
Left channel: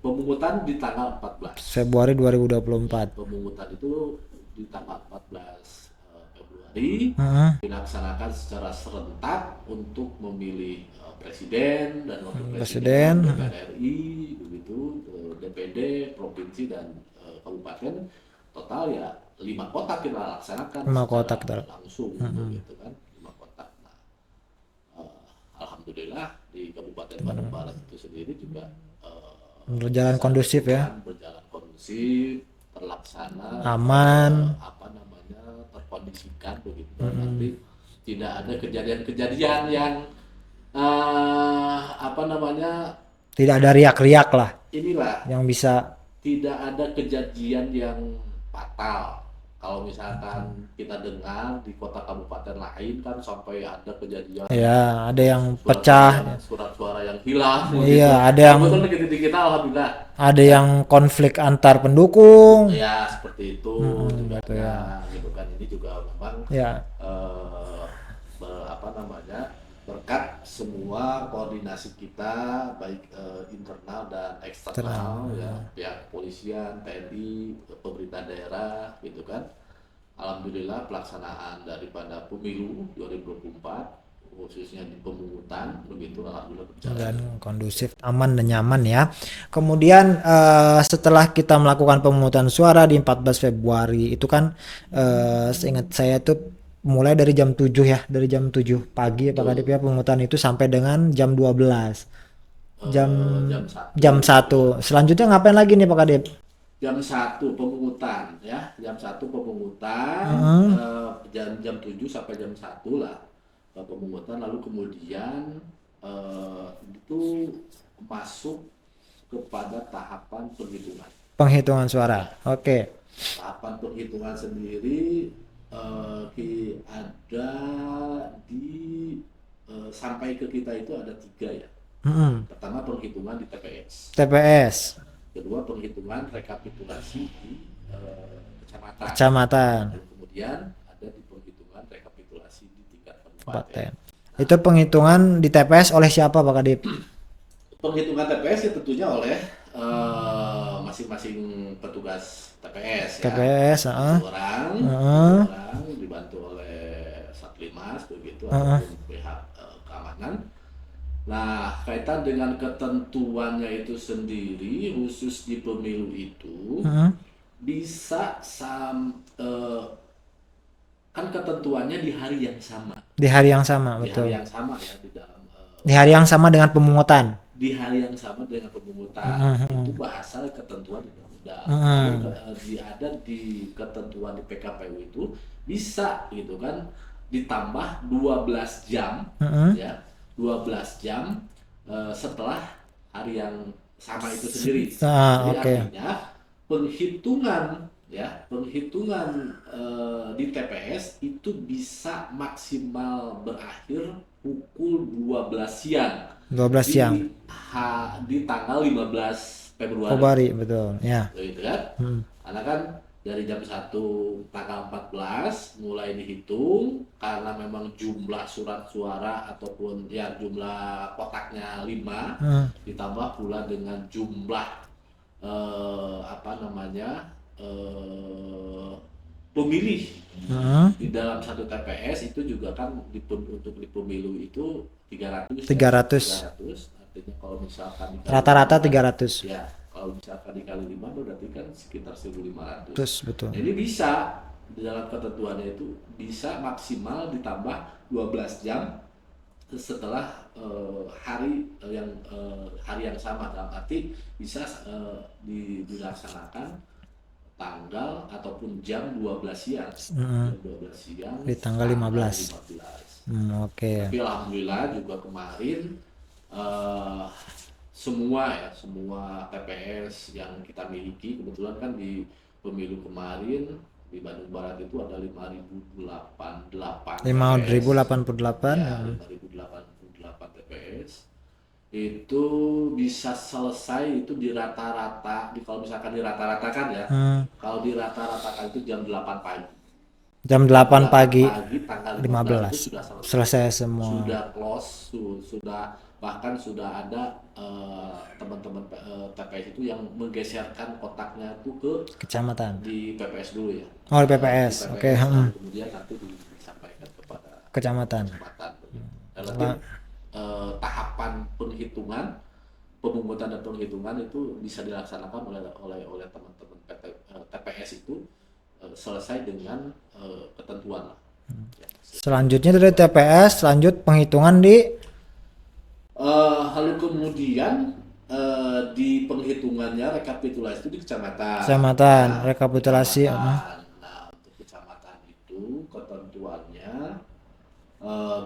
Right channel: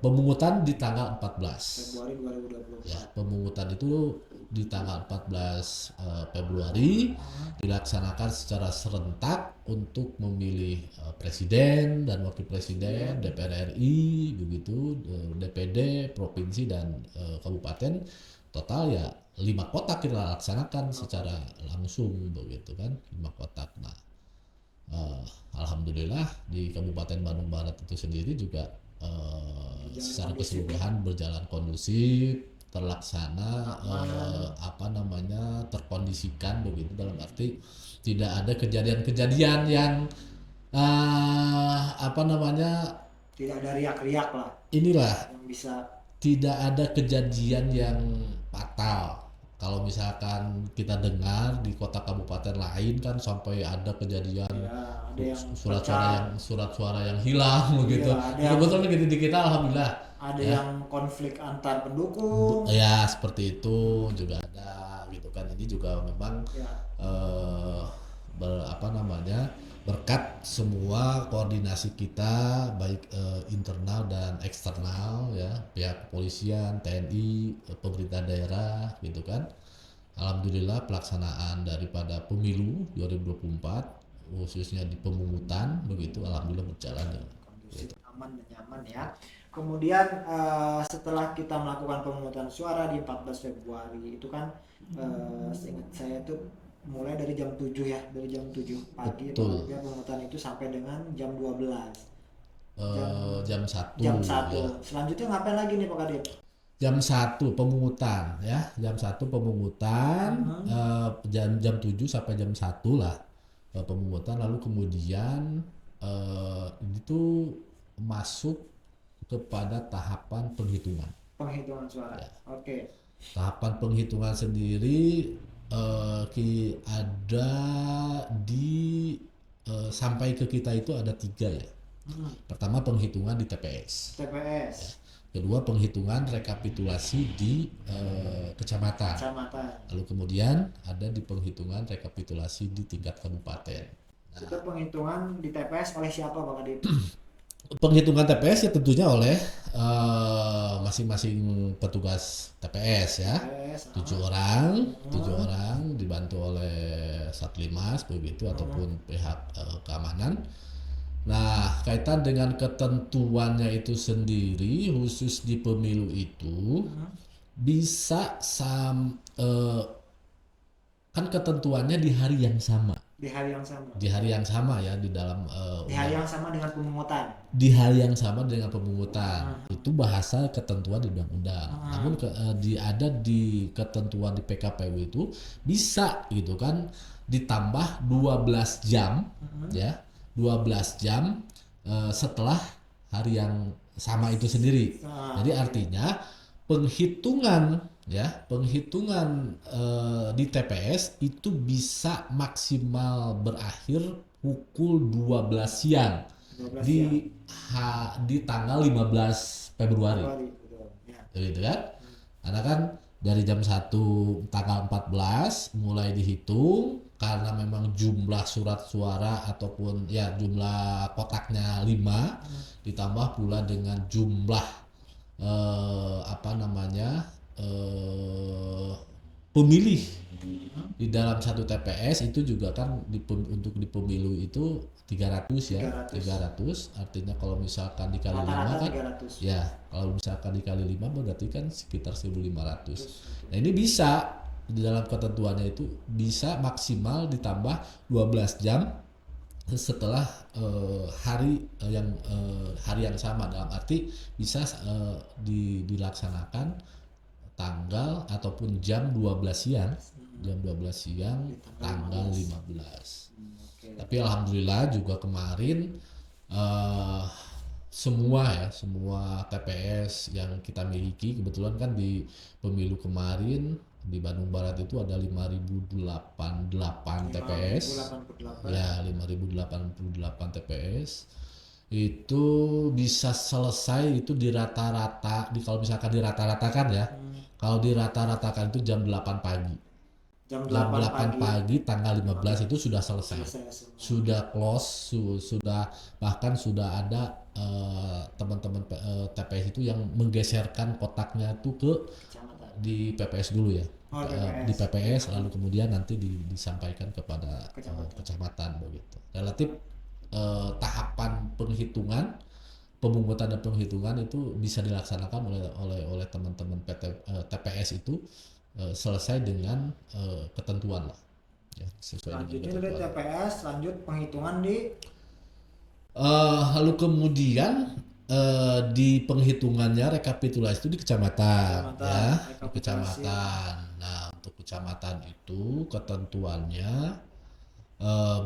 pemungutan di tanggal 14 Februari 2024. Pemungutan itu di tanggal 14 Februari dilaksanakan secara serentak untuk memilih presiden dan wakil presiden, DPR RI, begitu, DPD, provinsi dan kabupaten. Total ya 5 kotak kita laksanakan 5 secara kotak langsung, begitu kan, 5 kotak. Nah, alhamdulillah di Kabupaten Bandung Barat itu sendiri juga Berjalan secara kondusif ya. keseluruhan berjalan kondusif, terlaksana, Aman. terkondisikan begitu, dalam arti tidak ada kejadian-kejadian yang apa namanya Tidak ada riak-riak lah inilah, yang bisa. tidak ada kejadian yang fatal. Kalau misalkan kita dengar di kota kabupaten lain kan sampai ada kejadian Ya, ada yang pecah. surat suara yang hilang Iya, gitu. ada yang Kebetulan di kita alhamdulillah ada yang konflik antar pendukung. ya seperti itu juga gitu ada, gitu kan. Ini juga memang Ya, berkat semua koordinasi kita baik internal dan eksternal ya, pihak kepolisian, TNI, pemerintah daerah gitu kan. Alhamdulillah pelaksanaan daripada pemilu 2024 khususnya di pemungutan begitu alhamdulillah berjalan. dan kondusif, aman dan nyaman ya. Kemudian setelah kita melakukan pemungutan suara di 14 Februari itu kan seingat saya tuh mulai dari jam 7 ya, dari jam 7 pagi Pak Kadip ya, pemungutan itu sampai dengan jam 12. Jam 1. Jam 1. Selanjutnya ngapain lagi nih Pak Kadip? Jam 1 pemungutan ya, jam 1 pemungutan, jam 7 sampai jam 1 lah pemungutan, lalu kemudian itu masuk kepada tahapan penghitungan. Penghitungan suara. Oke. Tahapan penghitungan sendiri ada di sampai ke kita itu ada 3 ya. Pertama penghitungan di TPS. TPS. Kedua penghitungan rekapitulasi di kecamatan. Lalu kemudian ada di penghitungan rekapitulasi di tingkat kabupaten. Itu penghitungan di TPS oleh siapa Pak Kadip? Penghitungan TPS ya tentunya oleh masing-masing petugas TPS ya. TPS, 7 orang dibantu oleh Satlimas begitu ataupun pihak keamanan. Nah, kaitan dengan ketentuannya itu sendiri khusus di pemilu itu bisa kan ketentuannya di hari yang sama. Di hari yang sama, Di betul. hari yang sama ya di dalam Di hari yang sama dengan pemungutan. di hari yang sama dengan pemungutan. Itu bahasa ketentuan di undang-undang. Kalau ada di ketentuan di PKPU itu bisa gitu kan ditambah 12 jam ya. 12 jam setelah hari yang sama itu sendiri. Jadi artinya penghitungan di TPS itu bisa maksimal berakhir pukul 12 siang. 12 siang. Di tanggal 15 Februari. Februari, betul. Ya. Gitu kan? Karena kan dari jam 1 tanggal 14 mulai dihitung karena memang jumlah surat suara ataupun ya jumlah kotaknya 5 ditambah pula dengan jumlah pemilih di dalam satu TPS itu juga kan untuk di pemilu itu 300 ya. 300 artinya kalau misalkan dikali rata-rata 300 kan, ya kalau misalkan dikali 5 berarti kan sekitar 1.500. betul. Nah, ini bisa di dalam ketentuannya itu bisa maksimal ditambah 12 jam setelah hari yang sama, dalam arti bisa dilaksanakan tanggal ataupun jam 12 siang. Jam 12 siang di tanggal 15. Oke. Tapi alhamdulillah juga kemarin semua TPS yang kita miliki kebetulan kan di pemilu kemarin di Bandung Barat itu ada 5.088 TPS. 5.088. Ya, 5.088 TPS. Itu bisa selesai itu di rata-rata kalau misalkan dirata-ratakan ya. Kalau dirata-ratakan itu jam 8 pagi. Jam 8 pagi tanggal 15 itu 15 sudah selesai. selesai semua. Sudah close, sudah bahkan sudah ada teman-teman TPS itu yang menggeserkan kotaknya itu ke Kecamatan. di PPS dulu ya. Oh, di Di PPS. Oke, PPS lalu kemudian nanti disampaikan kepada Kecamatan. kecamatan begitu. Relatif tahapan penghitungan, pemungutan dan penghitungan itu bisa dilaksanakan oleh teman-teman TPS itu selesai dengan ketentuan lah. Ya, Selanjutnya dari TPS lanjut penghitungan di lalu kemudian di penghitungannya rekapitulasi itu di kecamatan. kecamatan, Ya, rekapitulasi. kecamatan. Nah, untuk kecamatan itu ketentuannya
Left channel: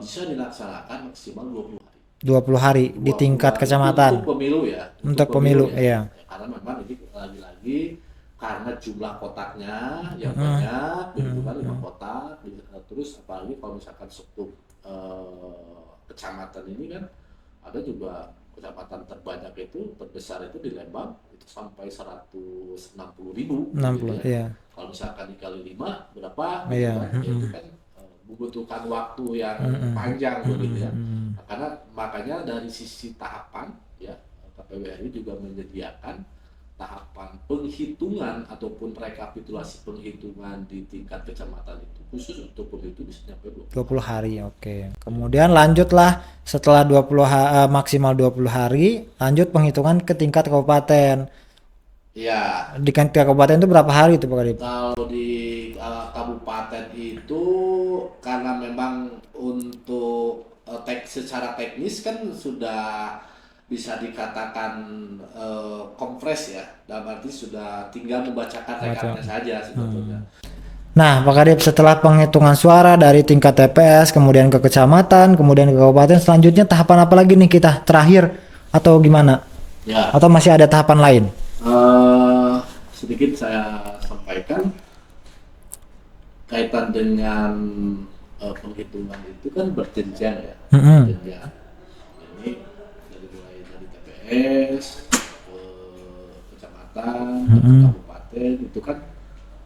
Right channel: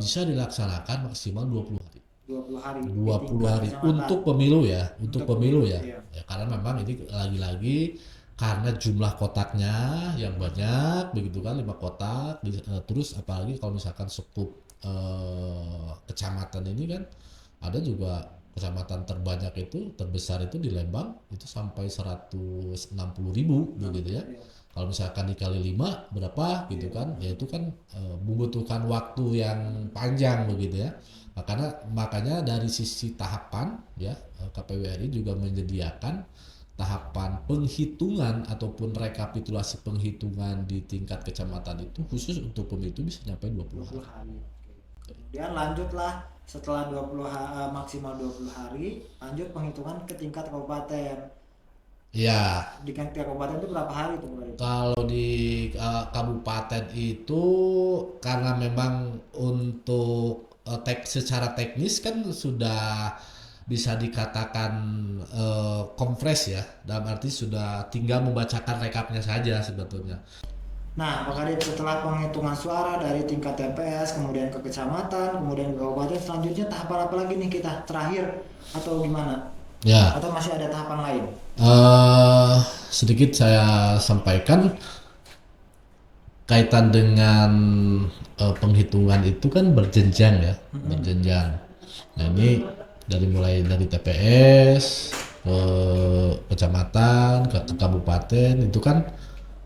bisa dilaksanakan maksimal 20 hari. 20 hari di 20 tingkat hari kecamatan. untuk pemilu ya. Untuk pemilu, iya. Ya, karena memang ini lagi-lagi karena jumlah kotaknya yang banyak begitu kan 5 kotak terus apalagi kalau misalkan skup kecamatan ini kan ada juga kecamatan terbanyak itu terbesar itu di Lembang itu sampai 160.000 gitu 60, ya. iya. Kalau misalkan dikali 5 berapa gitu Iya, kan ya itu kan membutuhkan waktu yang panjang begitu ya. Makanya dari sisi tahapan ya KPU RI juga menyediakan tahapan penghitungan ataupun rekapitulasi penghitungan di tingkat kecamatan itu khusus untuk pemilu itu bisa sampai 20 hari, oke. Kemudian lanjutlah setelah maksimal 20 hari, lanjut penghitungan ke tingkat kabupaten. Ya, Di tingkat kabupaten itu berapa hari itu Pak Kadip? kalau di kabupaten itu karena memang untuk secara teknis kan sudah bisa dikatakan kompres ya, dalam arti sudah tinggal membacakan rekapnya saja sebetulnya. Nah, Pak Kadip, setelah penghitungan suara dari tingkat TPS, kemudian ke kecamatan, kemudian ke kabupaten, selanjutnya tahapan apa lagi nih kita? Terakhir atau gimana? Ya, Atau masih ada tahapan lain? sedikit saya sampaikan kaitan dengan penghitungan itu kan berjenjang ya, berjenjang. Nah ini mulai dari TPS ke kecamatan ke kabupaten itu kan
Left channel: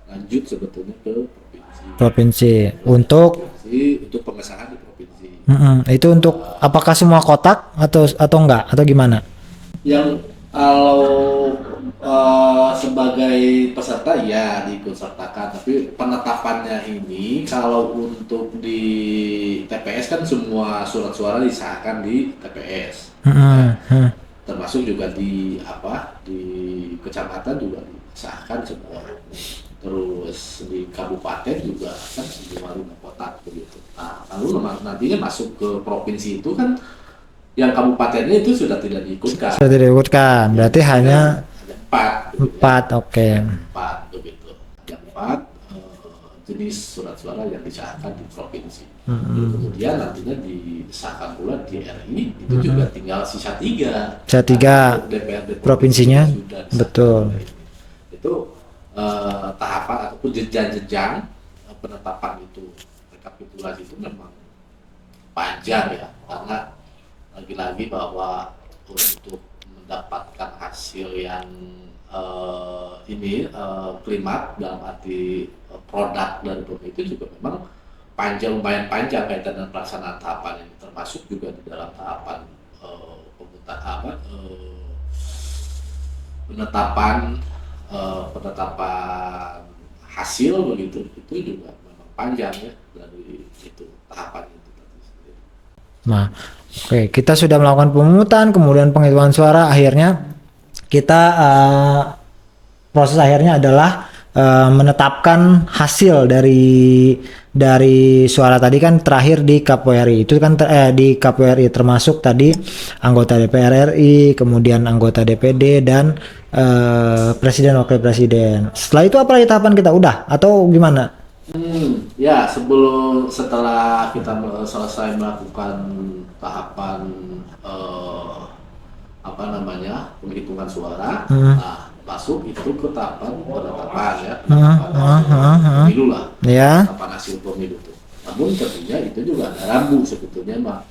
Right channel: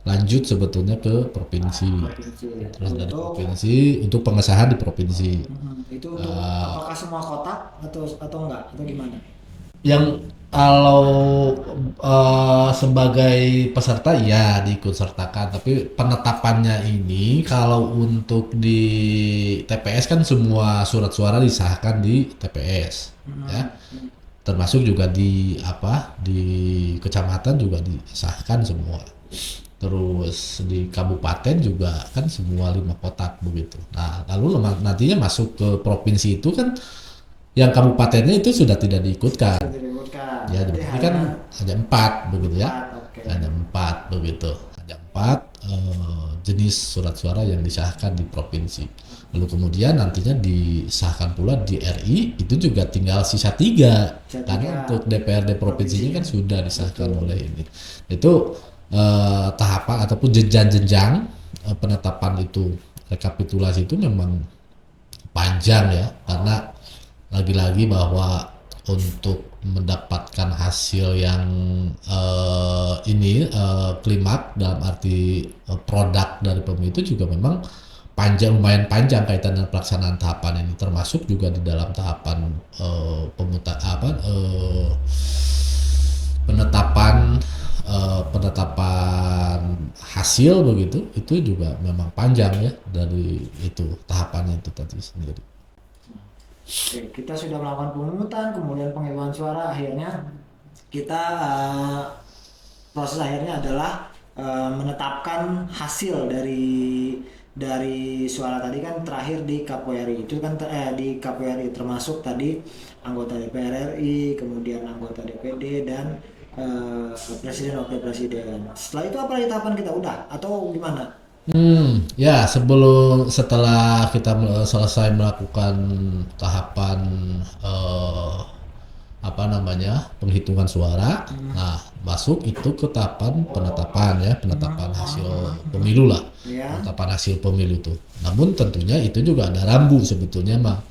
lanjut sebetulnya ke provinsi. Untuk Provinsi untuk pengesahan di provinsi. itu untuk apakah semua kotak atau enggak atau gimana? Yang kalau sebagai peserta ya diikut sertakan, tapi penetapannya ini kalau untuk di TPS kan semua surat suara disahkan di TPS, ya. Termasuk juga di kecamatan juga disahkan semua. Terus di kabupaten juga kan semua 5 kotak begitu. Nah lalu nantinya masuk ke provinsi itu kan yang kabupatennya itu sudah tidak diikutkan. Sudah diikutkan, Ya, berarti hanya ada 4 begitu 4, ya. oke. Ada 4 begitu. Ada 4 jenis surat suara yang disahkan di provinsi. Lalu kemudian nantinya disahkan pula di RI itu juga tinggal sisa 3. Sisa 3 DPRD provinsinya provinsinya sudah disahkan betul. oleh ini. Itu tahapan ataupun jenjang-jenjang penetapan itu rekapitulasi itu memang panjang ya, karena lagi-lagi bahwa untuk mendapatkan hasil yang klimak dalam arti produk dari pemilu itu juga memang lumayan panjang kaitan dengan pelaksanaan tahapan ini, termasuk juga di dalam tahapan penetapan hasil begitu itu juga memang panjang ya dari itu tahapannya itu tadi sendiri. Nah, oke, kita sudah melakukan pemungutan, kemudian penghitungan suara, akhirnya kita proses akhirnya adalah menetapkan hasil dari suara tadi kan terakhir di KPU RI. Itu kan di KPU RI termasuk tadi anggota DPR RI, kemudian anggota DPD dan presiden wakil presiden. Setelah itu apa lagi tahapan kita? Udah atau gimana? Ya setelah kita selesai melakukan tahapan penghitungan suara, nah masuk itu ke tahapan penetapan hasil pemilu lah, Ya. penetapan hasil pemilu tuh. Namun tentunya itu juga ada rambu sebetulnya, Bang.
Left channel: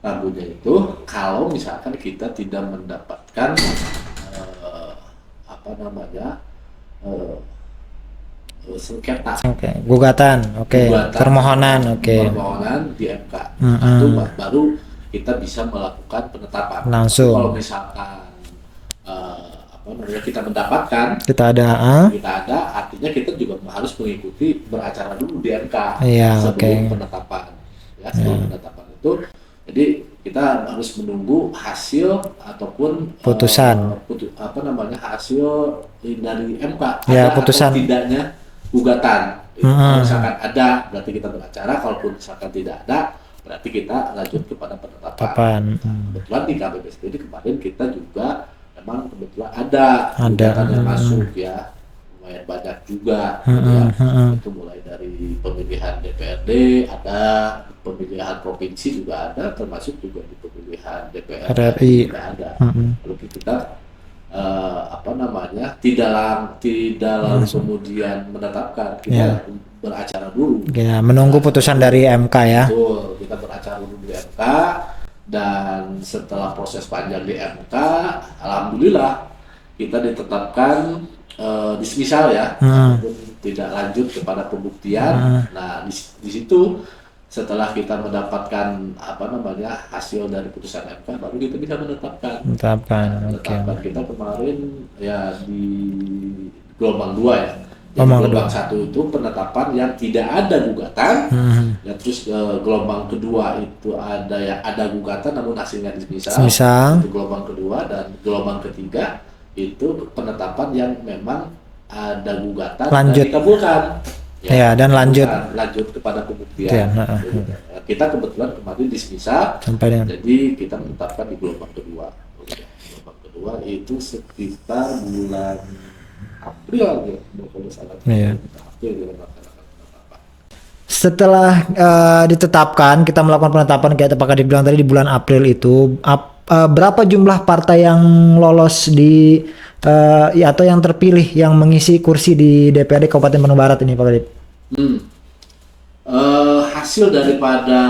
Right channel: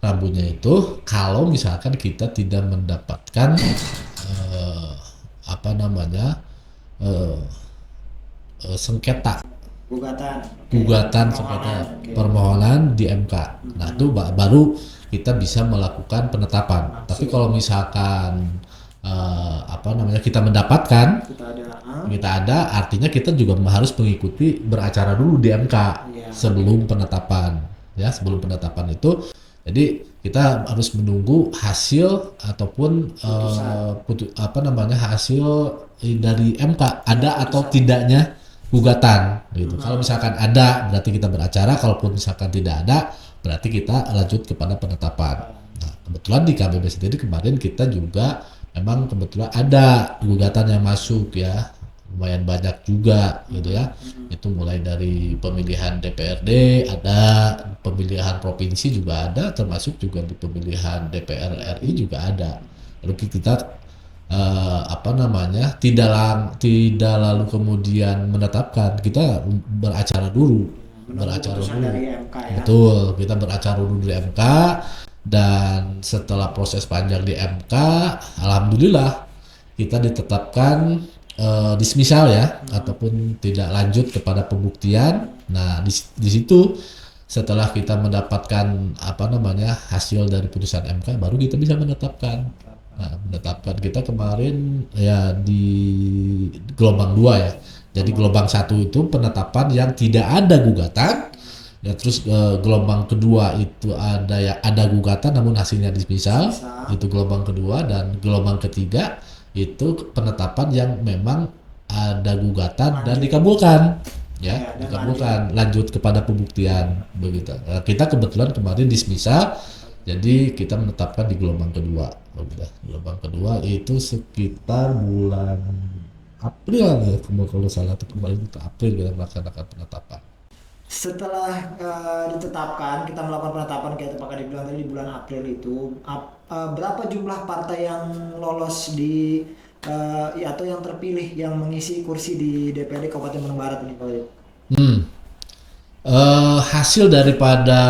Rambunya itu kalau misalkan kita tidak mendapatkan sengketa Oke, gugatan, oke, gugatan permohonan, oke, permohonan di MK. Nah, itu baru kita bisa melakukan penetapan. Tapi langsung kalau misalkan apa namanya kita mendapatkan kita ada, kita ada, artinya kita juga harus mengikuti beracara dulu di MK iya, sebelum oke. penetapan. Ya, sebelum penetapan itu, jadi kita harus menunggu hasil ataupun Putusan. apa namanya hasil dari MK Ya, ada atau putusan. tidaknya gugatan. Gitu. Kalau misalkan ada, berarti kita beracara. Kalaupun misalkan tidak ada, berarti kita lanjut kepada penetapan. Kapan? Nah, kebetulan di KBB sendiri kemarin kita juga memang kebetulan ada gugatan yang masuk ya, lumayan banyak juga gitu ya. Itu mulai dari pemilihan DPRD ada, pemilihan provinsi juga ada, termasuk juga di pemilihan DPR RRI. RI juga ada. Lalu kita apa namanya tidak lalu kemudian menetapkan, kita beracara dulu. Ya, menunggu putusan dari MK ya. Betul, kita beracara dulu di MK, dan setelah proses panjang di MK, alhamdulillah kita ditetapkan dismisal ya, ataupun tidak lanjut kepada pembuktian. Nah, di situ setelah kita mendapatkan apa namanya hasil dari putusan MK, baru kita bisa menetapkan. Menetapkan, Menetapkan kita kemarin ya di gelombang 2 ya. Jadi gelombang 1 itu penetapan yang tidak ada gugatan. Ya, terus gelombang kedua itu ada gugatan namun hasilnya dismisal. Itu gelombang kedua, dan gelombang ketiga itu penetapan yang memang ada gugatan dan dikabulkan. Ya, dan lanjut kepada pembuktian. Gitu. Nah, kita kebetulan kemarin dismisal, jadi kita menetapkan di gelombang kedua. Ya, gelombang kedua itu sekitar bulan April ya, kalau salah. April kita melaksanakan penetapan. Setelah ditetapkan, kita melakukan penetapan kayak apakah dibilang tadi di bulan April itu, berapa jumlah partai yang lolos di ya, atau yang terpilih yang mengisi kursi di DPRD Kabupaten Bandung Barat ini, Pak Kadip? Hasil daripada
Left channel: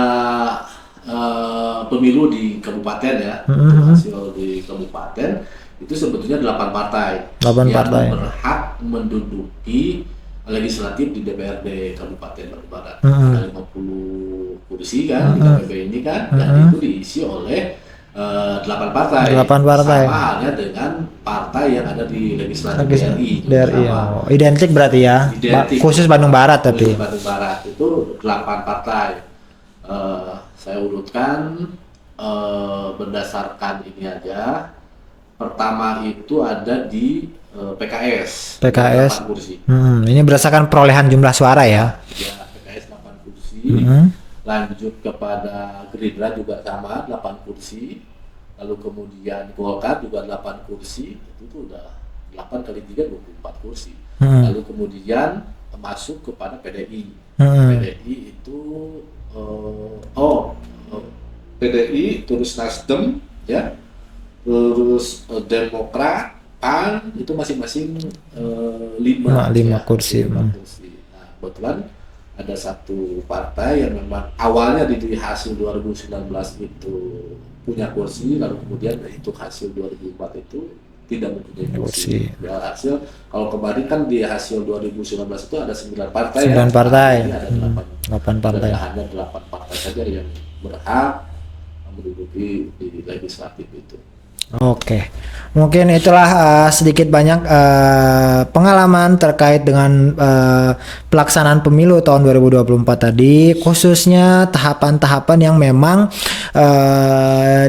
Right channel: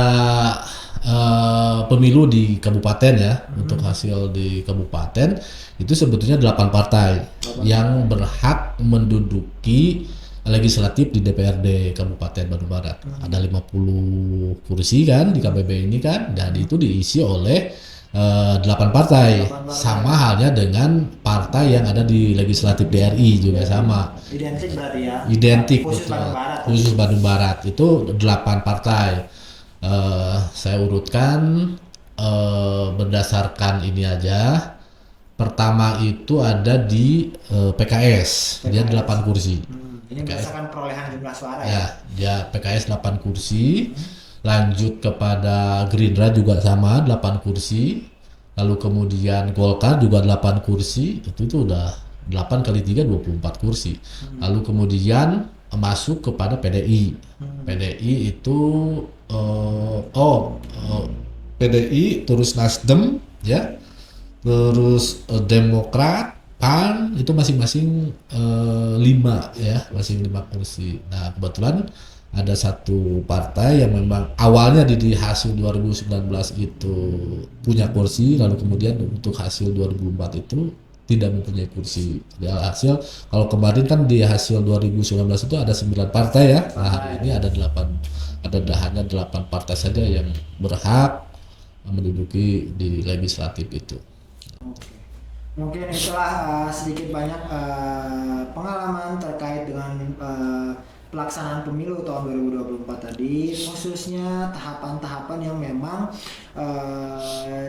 pemilu di kabupaten ya, untuk hasil di kabupaten itu sebetulnya 8 partai yang berhak menduduki legislatif di DPRD Kabupaten Bandung Barat. Ada 50 kursi kan di KPB ini kan, dan itu diisi oleh 8 partai. Sama halnya dengan partai yang ada di legislatif BRI juga sama. Identik berarti ya. Identik. Khusus Bandung Barat tapi. Khusus Bandung Barat itu 8 partai. Saya urutkan berdasarkan ini aja. Pertama itu ada di PKS 8 kursi. Ini berdasarkan perolehan jumlah suara ya. Ya, PKS 8 kursi. Lanjut kepada Gerindra juga sama 8 kursi. Lalu kemudian Golkar juga 8 kursi. Itu udah 8 kali 3 24 kursi. Lalu kemudian masuk kepada PDI. PDI itu PDI, terus Nasdem ya. Terus Demokrat, PAN itu masing-masing 5 kursi. Nah, kebetulan ada satu partai yang memang awalnya di hasil 2019 itu punya kursi, lalu kemudian untuk hasil 2004 itu tidak mempunyai kursi. Ya, hasil kalau kemarin kan di hasil 2019 itu ada 9 partai ya. 9 partai. Nah, ini ada 8 partai. Hanya 8 partai saja yang berhak menduduki di legislatif itu. Oke, mungkin itulah sedikit banyak pengalaman terkait dengan pelaksanaan pemilu tahun 2024 tadi, khususnya tahapan-tahapan yang memang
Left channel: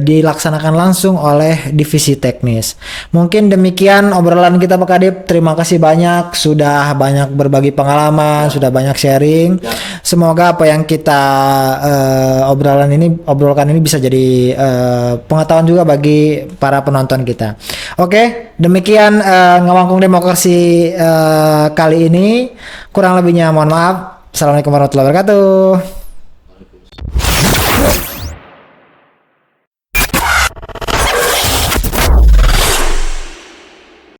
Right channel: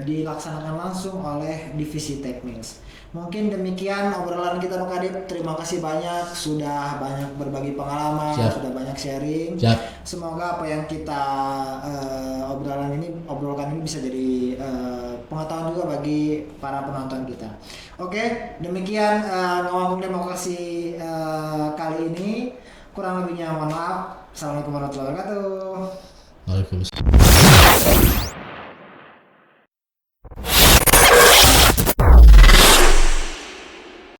dilaksanakan langsung oleh divisi teknis. Mungkin demikian obrolan kita Pak Kadip. Terima kasih banyak sudah banyak berbagi pengalaman, sudah banyak sharing. Semoga apa yang kita obrolkan ini bisa jadi pengetahuan juga bagi para penonton kita. Oke, demikian Ngawangkung Demokrasi kali ini. Kurang lebihnya mohon maaf. Assalamualaikum warahmatullahi wabarakatuh. Waalaikumsalam.